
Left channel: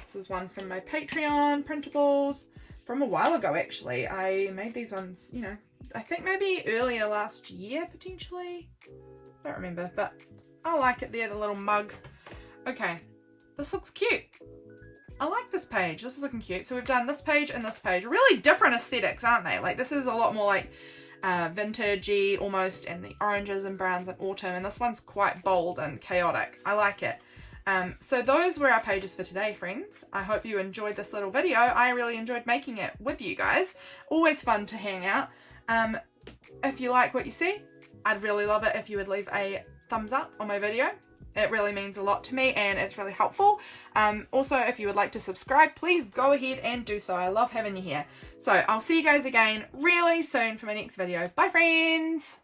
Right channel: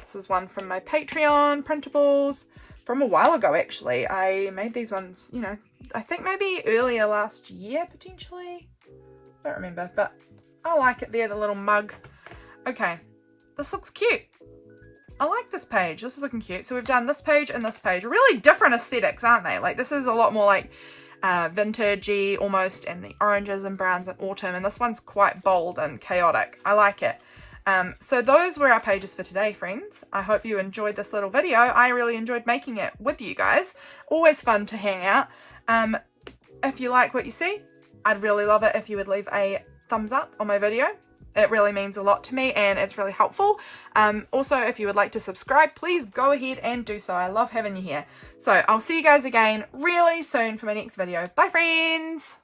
This is one from my Patreon printables from a while ago, actually. I made these ones, you know, I think maybe earlier last year, potentially. I don't remember, but I like it there, the little mug. Okay, this looks cute. I like this page. This is looking cute. So we've done this page and this page. Really different aesthetics, aren't they? Like this is a lot more like vintagey almost, and the oranges and browns and autumn, and this one's quite bold and chaotic. I like it. So those were our pages for today, friends. I hope you enjoyed this little video. I really enjoyed making it with you guys. Always fun to hang out. If you like what you see, I'd really love it if you would leave a thumbs up on my video. It really means a lot to me and it's really helpful. Also, if you would like to subscribe, please go ahead and do so. I love having you here. So I'll see you guys again really soon for my next video. Bye, friends.